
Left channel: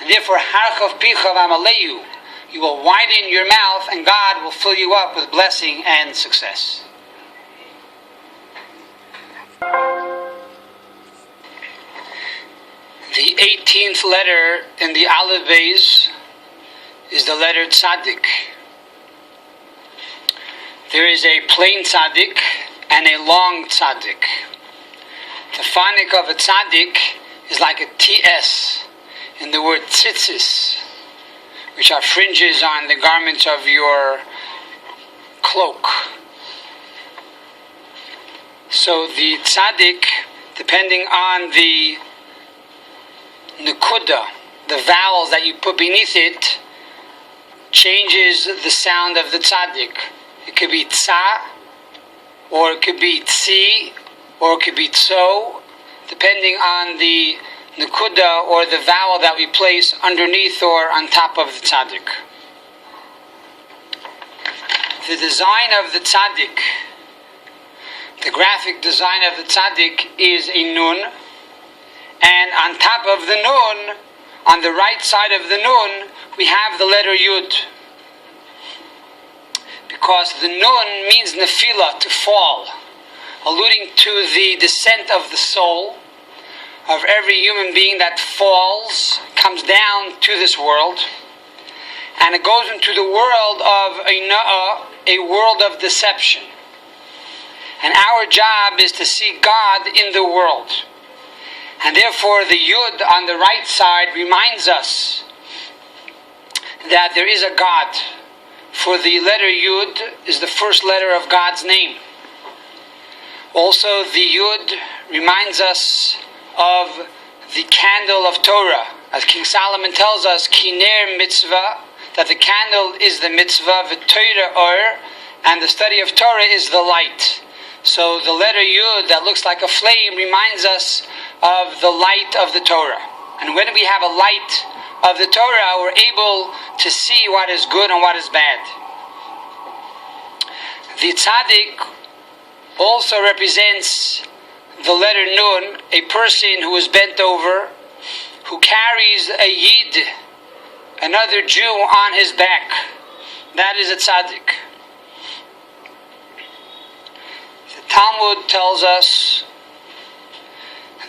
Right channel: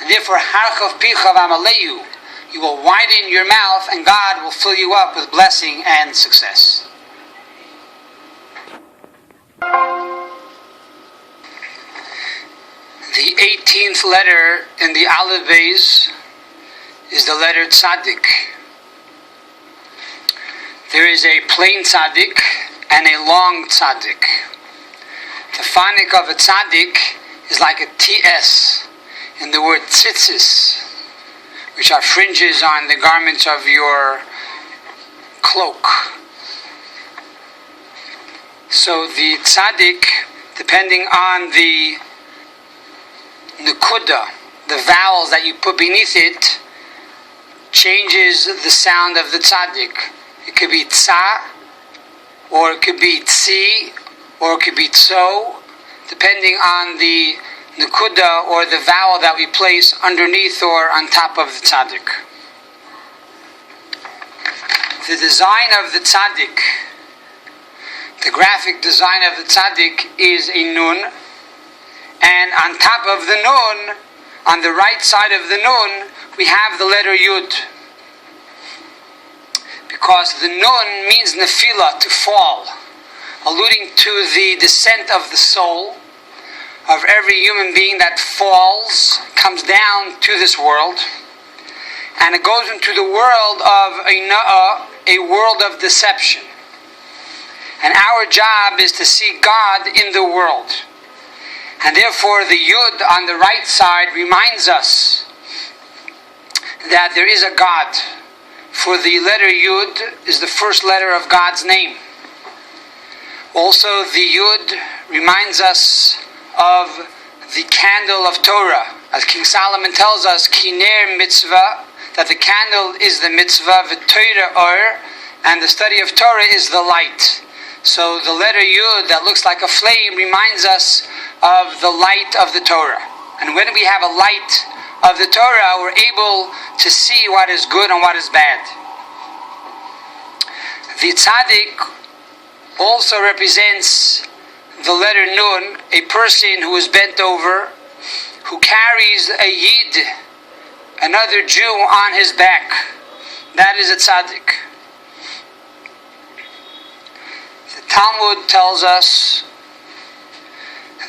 and therefore Harchav Picha V'Amaleyu, you will widen your mouth, and God will fill you up with blessing and success. The 18th letter in the Aleph Beis is the letter Tsadek. There is a plain Tsadek and a long Tsadek. The phonic of a Tsadek is like a TS in the word tzitzis, which are fringes on the garments of your cloak. So the Tsadek, depending on the Nukuda, the vowels that you put beneath it, changes the sound of the tzaddik. It could be tza, or it could be tzi, or it could be tso, depending on the Nukuda or the vowel that we place underneath or on top of the tzaddik. The design of the tzaddik, the graphic design of the tzaddik is a nun, and on top of the nun, on the right side of the nun, we have the letter Yud. Because the nun means nefila, to fall. alluding to the descent of the soul of every human being that falls, comes down to this world, and it goes into the world of a world of deception. And our job is to see God in the world. And therefore the Yud on the right side reminds us that there is a God. For the letter Yud is the first letter of God's name. Also the Yud reminds us of the candle of Torah. As King Solomon tells us, Kiner mitzvah, that the candle is the mitzvah, v'Torah or, and the study of Torah is the light. So the letter Yud that looks like a flame reminds us of the light of the Torah. And when we have a light of the Torah, we're able to see what is good and what is bad. The Tsadek also represents the letter Nun, a person who is bent over, who carries a Yid, another Jew, on his back. That is a Tsadek. The Talmud tells us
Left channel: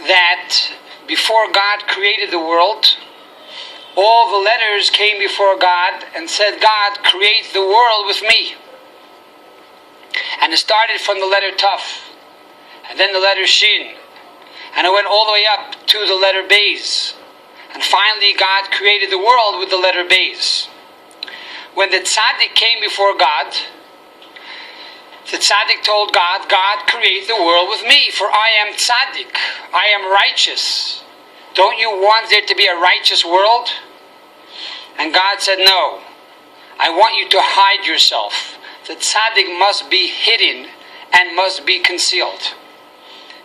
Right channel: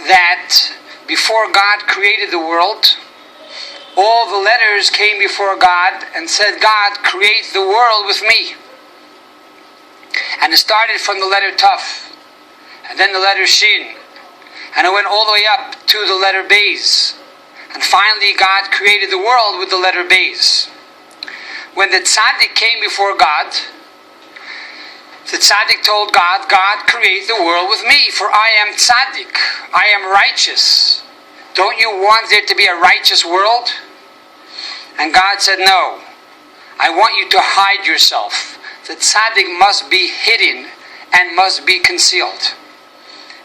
that before God created the world, all the letters came before God and said, God, create the world with me. And it started from the letter Taf, and then the letter Shin, and it went all the way up to the letter Beis. And finally God created the world with the letter Beis. When the Tsadek came before God, the Tsadek told God, God, create the world with me, for I am Tsadek, I am righteous. Don't you want there to be a righteous world? And God said, no, I want you to hide yourself. The Tsadek must be hidden and must be concealed.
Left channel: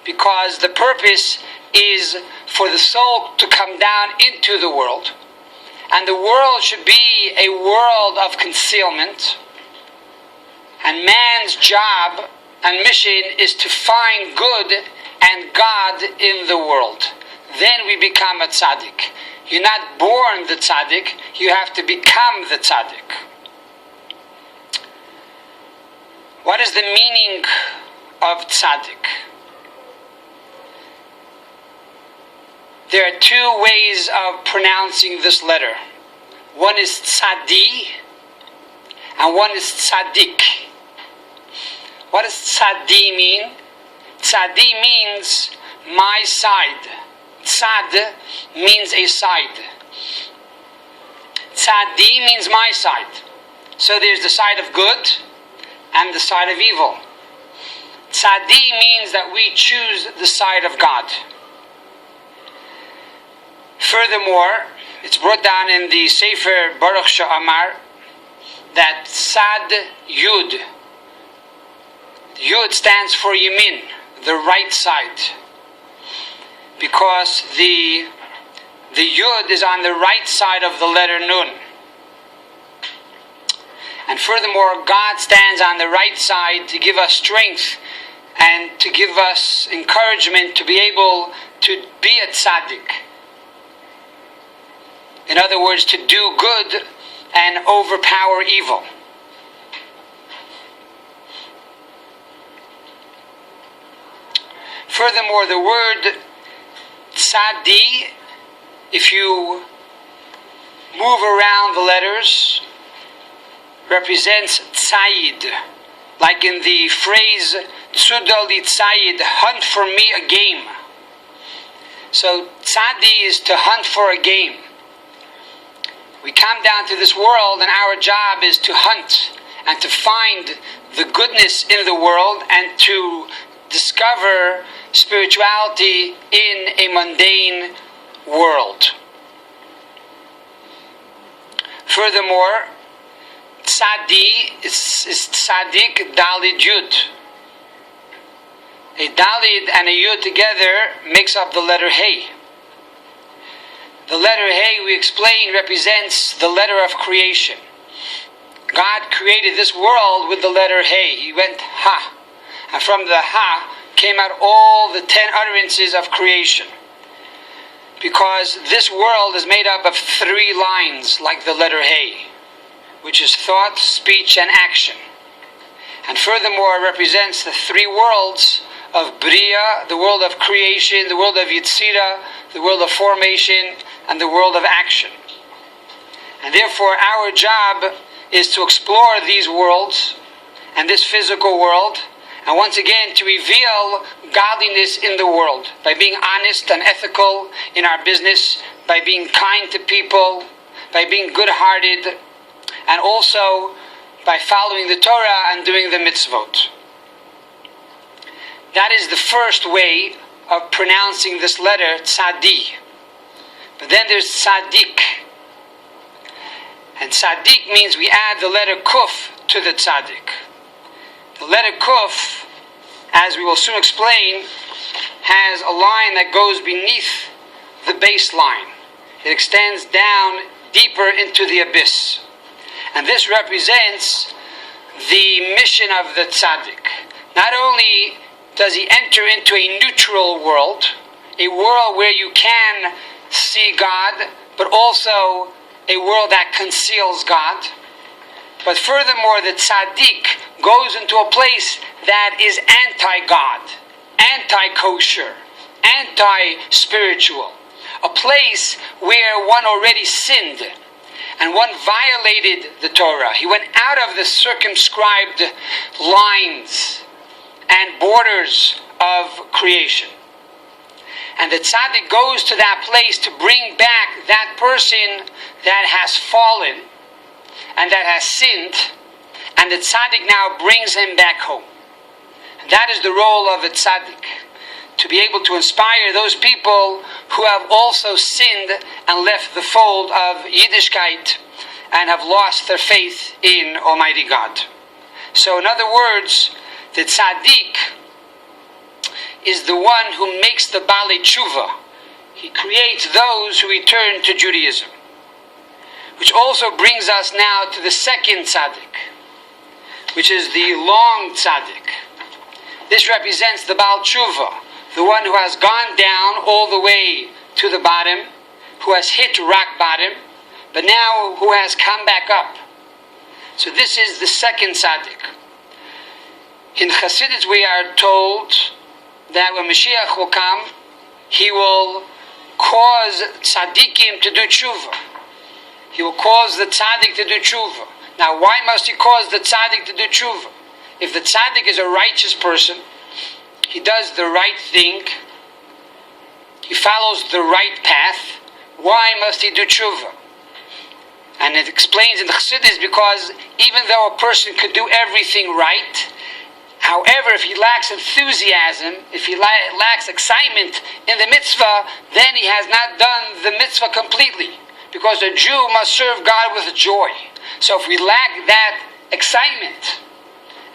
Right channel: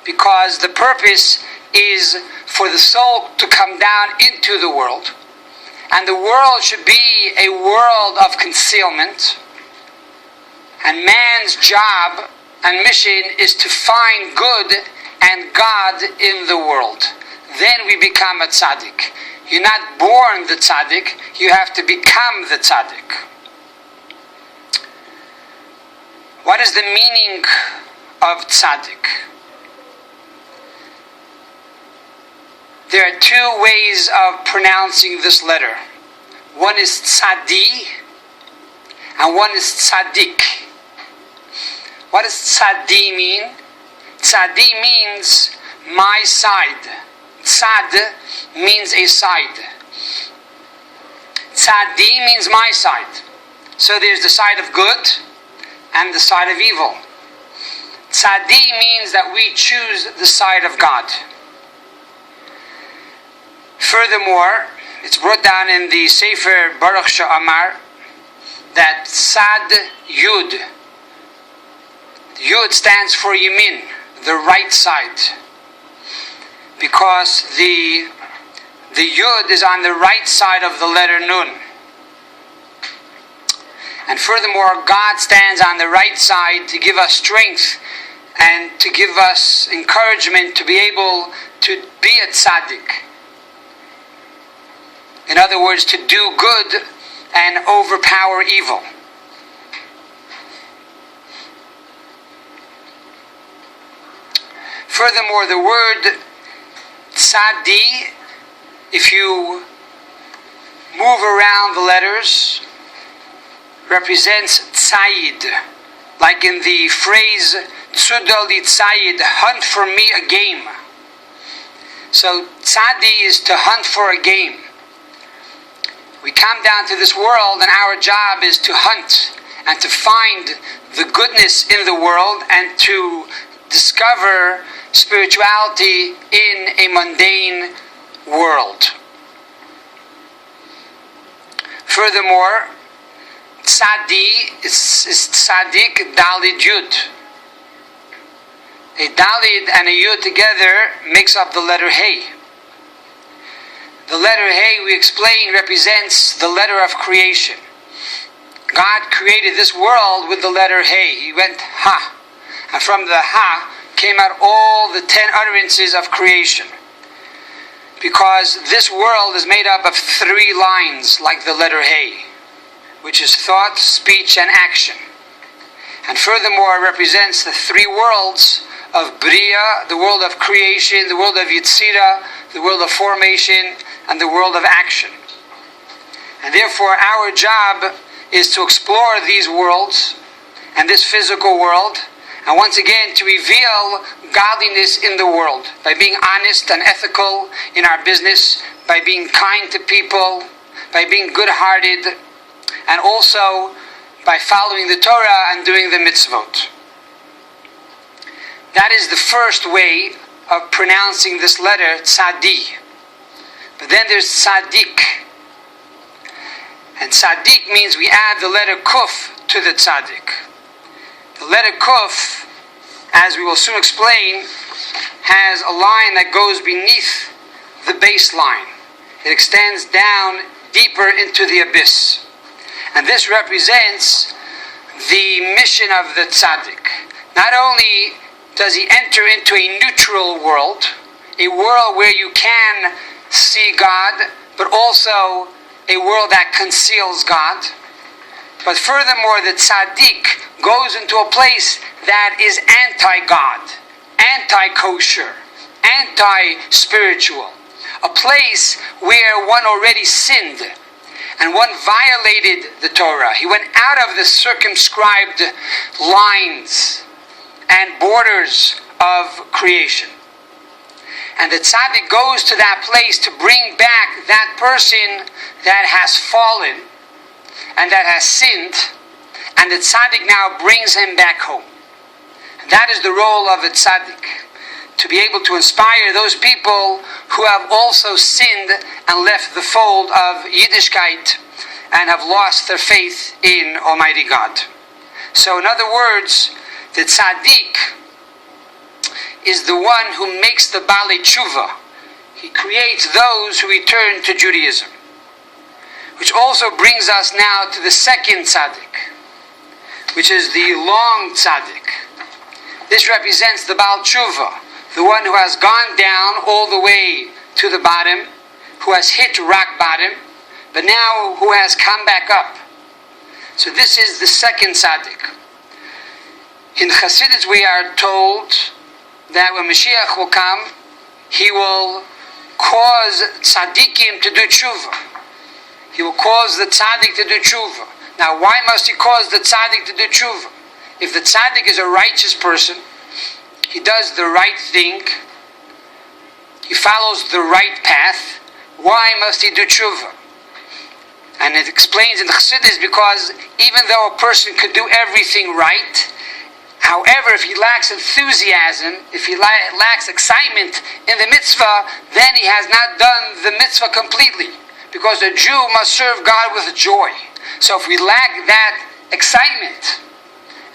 Because the purpose is for the soul to come down into the world. And the world should be a world of concealment. And man's job and mission is to find good and God in the world. Then we become a tzaddik. You're not born the tzaddik, you have to become the tzaddik. What is the meaning of tzaddik? There are two ways of pronouncing this letter. One is tzadi, and one is tzadik. What does tzadi mean? Tzadi means my side. Tzad means a side. Tzadi means my side. So there's the side of good and the side of evil. Tzadi means that we choose the side of God. Furthermore, it's brought down in the Sefer Baruch Sha'amar that Tzad Yud. Yud stands for Yamin, the right side. Because the Yud is on the right side of the letter Nun. And furthermore, God stands on the right side to give us strength and to give us encouragement to be able to be a tzaddik. In other words, to do good and overpower evil. Furthermore, the word tzadi, if you move around the letters, represents tzayid. Like in the phrase, tzudal li tzayid, hunt for me a game. So tzadi is to hunt for a game. We come down to this world and our job is to hunt and to find the goodness in the world and to discover spirituality in a mundane world. Furthermore, tzadi is tzadik dalid yud. A dalid and a yud together makes up the letter hey. The letter hey, we explain, represents the letter of creation. God created this world with the letter hey. He went ha. And from the ha came out all the 10 utterances of creation. Because this world is made up of 3 lines like the letter hey, which is thought, speech, and action. And furthermore, it represents the 3 worlds of Bria, the world of creation, the world of Yetzira, the world of formation, and the world of action. And therefore our job is to explore these worlds and this physical world, and once again to reveal godliness in the world by being honest and ethical in our business, by being kind to people, by being good-hearted, and also by following the Torah and doing the mitzvot. That is the first way of pronouncing this letter, Tzadi. But then there's Tzadik. And Tzadik means we add the letter Kuf to the Tzadik. The letter Kuf, as we will soon explain, has a line that goes beneath the baseline. It extends down deeper into the abyss. And this represents the mission of the Tzaddik. Not only does he enter into a neutral world, a world where you can see God, but also a world that conceals God. But furthermore, the Tzaddik goes into a place that is anti-God, anti-kosher, anti-spiritual. A place where one already sinned and one violated the Torah. He went out of the circumscribed lines and borders of creation. And the tzaddik goes to that place to bring back that person that has fallen and that has sinned, and the tzaddik now brings him back home. And that is the role of a tzaddik, to be able to inspire those people who have also sinned and left the fold of Yiddishkeit and have lost their faith in Almighty God. So in other words, the tzaddik is the one who makes the Balei Tshuva. He creates those who return to Judaism. Which also brings us now to the second tzaddik, which is the long tzaddik. This represents the Baal Tshuva, the one who has gone down all the way to the bottom, who has hit rock bottom, but now who has come back up. So this is the second tzaddik. In Chassidus we are told that when Mashiach will come, he will cause tzaddikim to do tshuva. He will cause the tzaddik to do tshuva. Now why must he cause the tzaddik to do tshuva? If the tzaddik is a righteous person, he does the right thing, he follows the right path, why must he do tshuva? And it explains in the Chassidus because even though a person could do everything right, however, if he lacks enthusiasm, if he lacks excitement in the mitzvah, then he has not done the mitzvah completely. Because a Jew must serve God with joy. So if we lack that excitement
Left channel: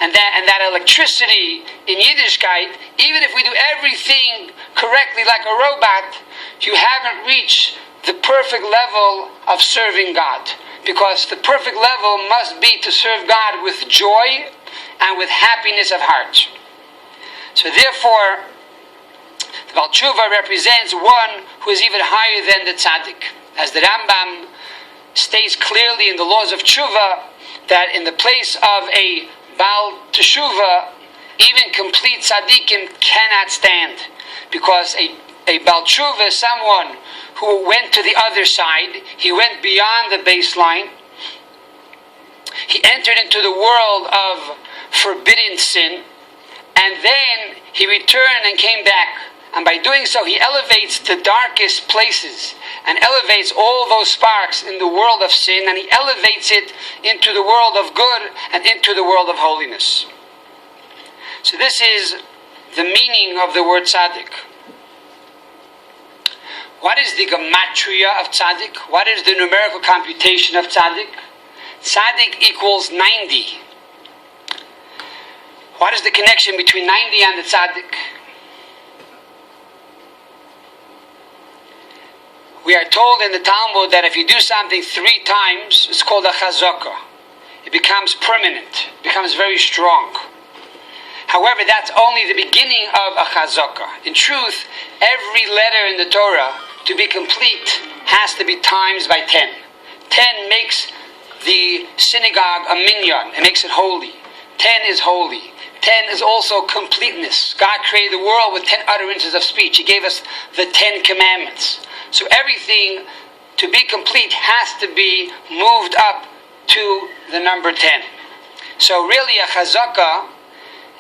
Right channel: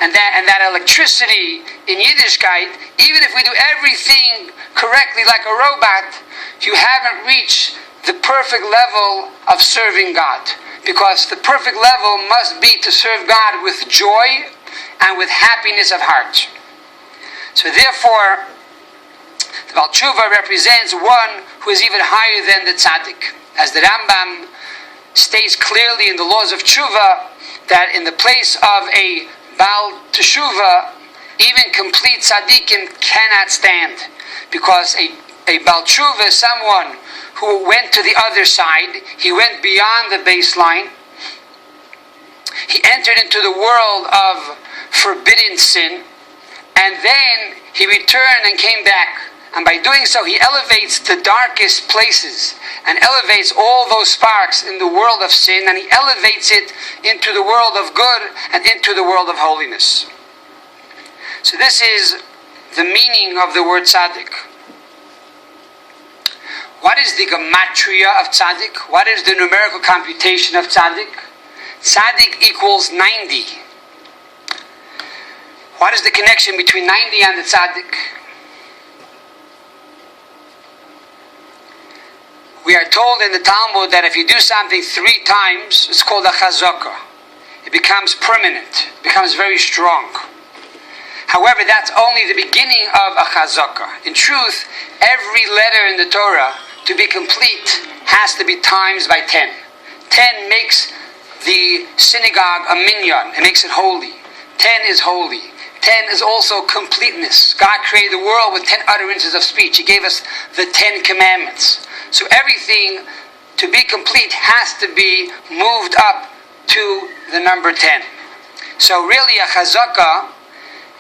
and that electricity in Yiddishkeit, even if we do everything correctly like a robot, you haven't reached the perfect level of serving God. Because the perfect level must be to serve God with joy and with happiness of heart. So therefore, the Baal Tshuva represents one who is even higher than the tzaddik. As the Rambam states clearly in the laws of Tshuva, that in the place of a Baal Teshuva, even complete tzaddikim cannot stand. Because a Baal Tshuva is someone who went to the other side, he went beyond the baseline, he entered into the world of forbidden sin, and then he returned and came back. And by doing so, he elevates the darkest places and elevates all those sparks in the world of sin, and he elevates it into the world of good and into the world of holiness. So this is the meaning of the word tzaddik. What is the gematria of tzaddik? What is the numerical computation of tzaddik? Tzaddik equals 90. What is the connection between 90 and the tzaddik? We are told in the Talmud that if you do something 3 times, it's called a chazaka. It becomes permanent, it becomes very strong. However, that's only the beginning of a chazaka. In truth, every letter in the Torah, to be complete, has to be times by 10. 10 makes the synagogue a minyan. It makes it holy. 10 is holy. 10 is also completeness. God created the world with 10 utterances of speech. He gave us the 10 commandments. So everything, to be complete, has to be moved up to the number 10. So really a chazakah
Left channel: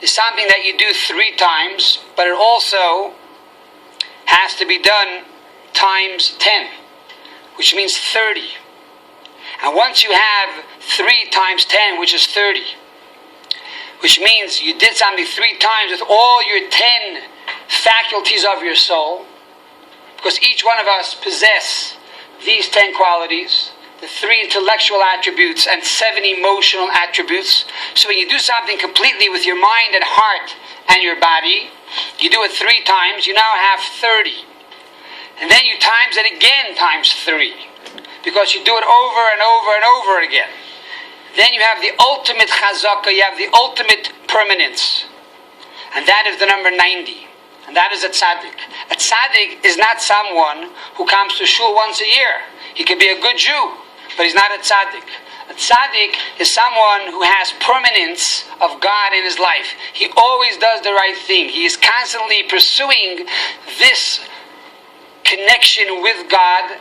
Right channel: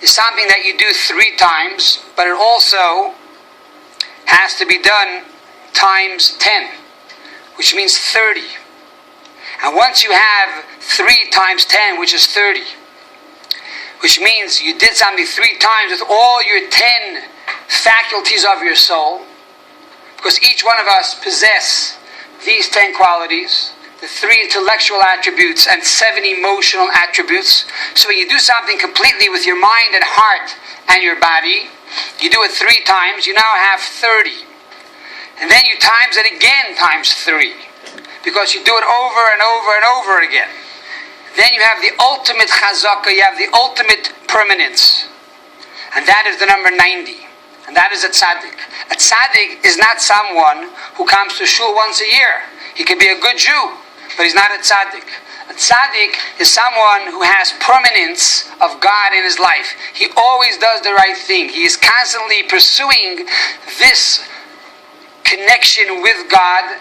is something that you do 3 times, but it also has to be done times 10, which means 30. And once you have 3 times 10, which is 30, which means you did something 3 times with all your 10 faculties of your soul, because each one of us possess these 10 qualities, the 3 intellectual attributes and 7 emotional attributes. So when you do something completely with your mind and heart and your body, you do it 3 times, you now have 30. And then you times it again times 3, because you do it over and over and over again. Then you have the ultimate chazakah, you have the ultimate permanence. And that is the number 90. And that is a tzaddik. A tzaddik is not someone who comes to shul once a year. He could be a good Jew, but he's not a tzaddik. A tzaddik is someone who has permanence of God in his life. He always does the right thing. He is constantly pursuing this connection with God,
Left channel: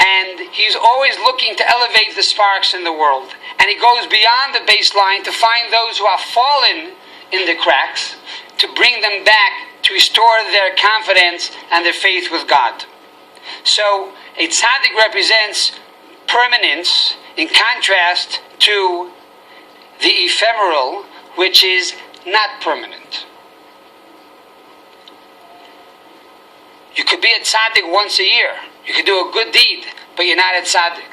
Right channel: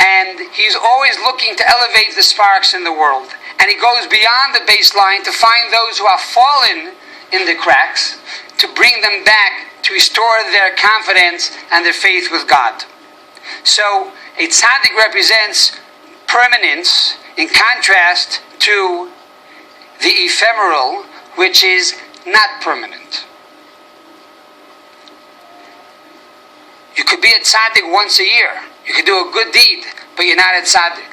and he's always looking to elevate the sparks in the world. And he goes beyond the baseline to find those who have fallen in the cracks, to bring them back, to restore their confidence and their faith with God. So a tzaddik represents permanence in contrast to the ephemeral, which is not permanent. You could be a tzaddik once a year. You could do a good deed, but you're not a tzaddik,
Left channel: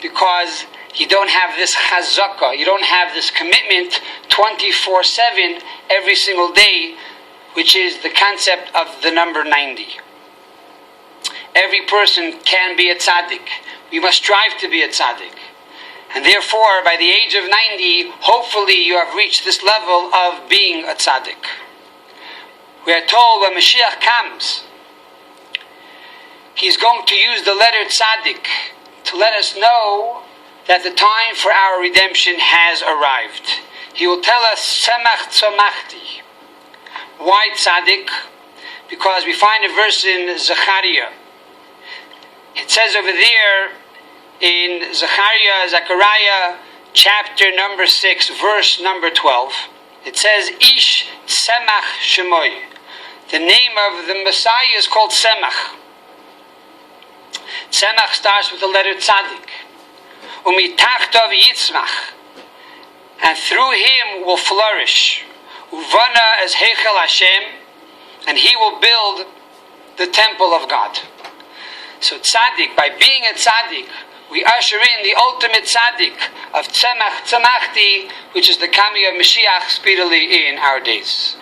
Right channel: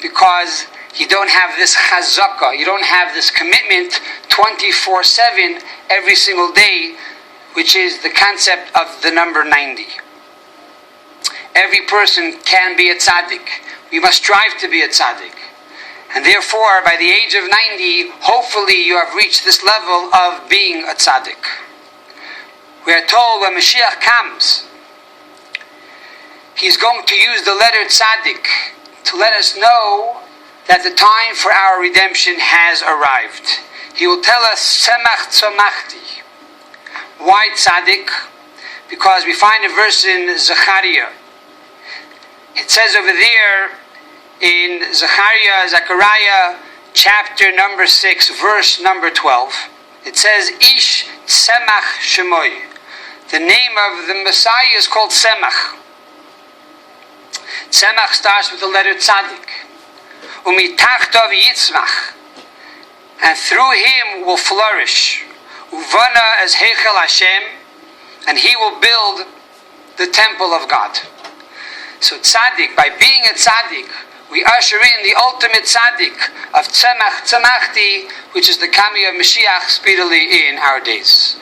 because you don't have this chazakah, you don't have this commitment 24/7 every single day, which is the concept of the number 90. Every person can be a tzaddik. We must strive to be a tzaddik. And therefore, by the age of 90, hopefully you have reached this level of being a tzaddik. We are told when Mashiach comes, he's going to use the letter tzaddik to let us know that the time for our redemption has arrived. He will tell us, Semach tzomachti. Why tzaddik? Because we find a verse in Zechariah. It says over there in Zechariah chapter number 6, verse number 12. It says, Ish Tzemach Shemoy. The name of the Messiah is called Tzemach. Tzemach starts with the letter tzaddik. Umitachtav yitzmach. And through him will flourish. Uvana as Heichel Hashem. And he will build the temple of God. So tzaddik, by being a tzaddik, we usher in the ultimate tzaddik of Tzemach Tzemachti, which is the coming of Mashiach speedily in our days.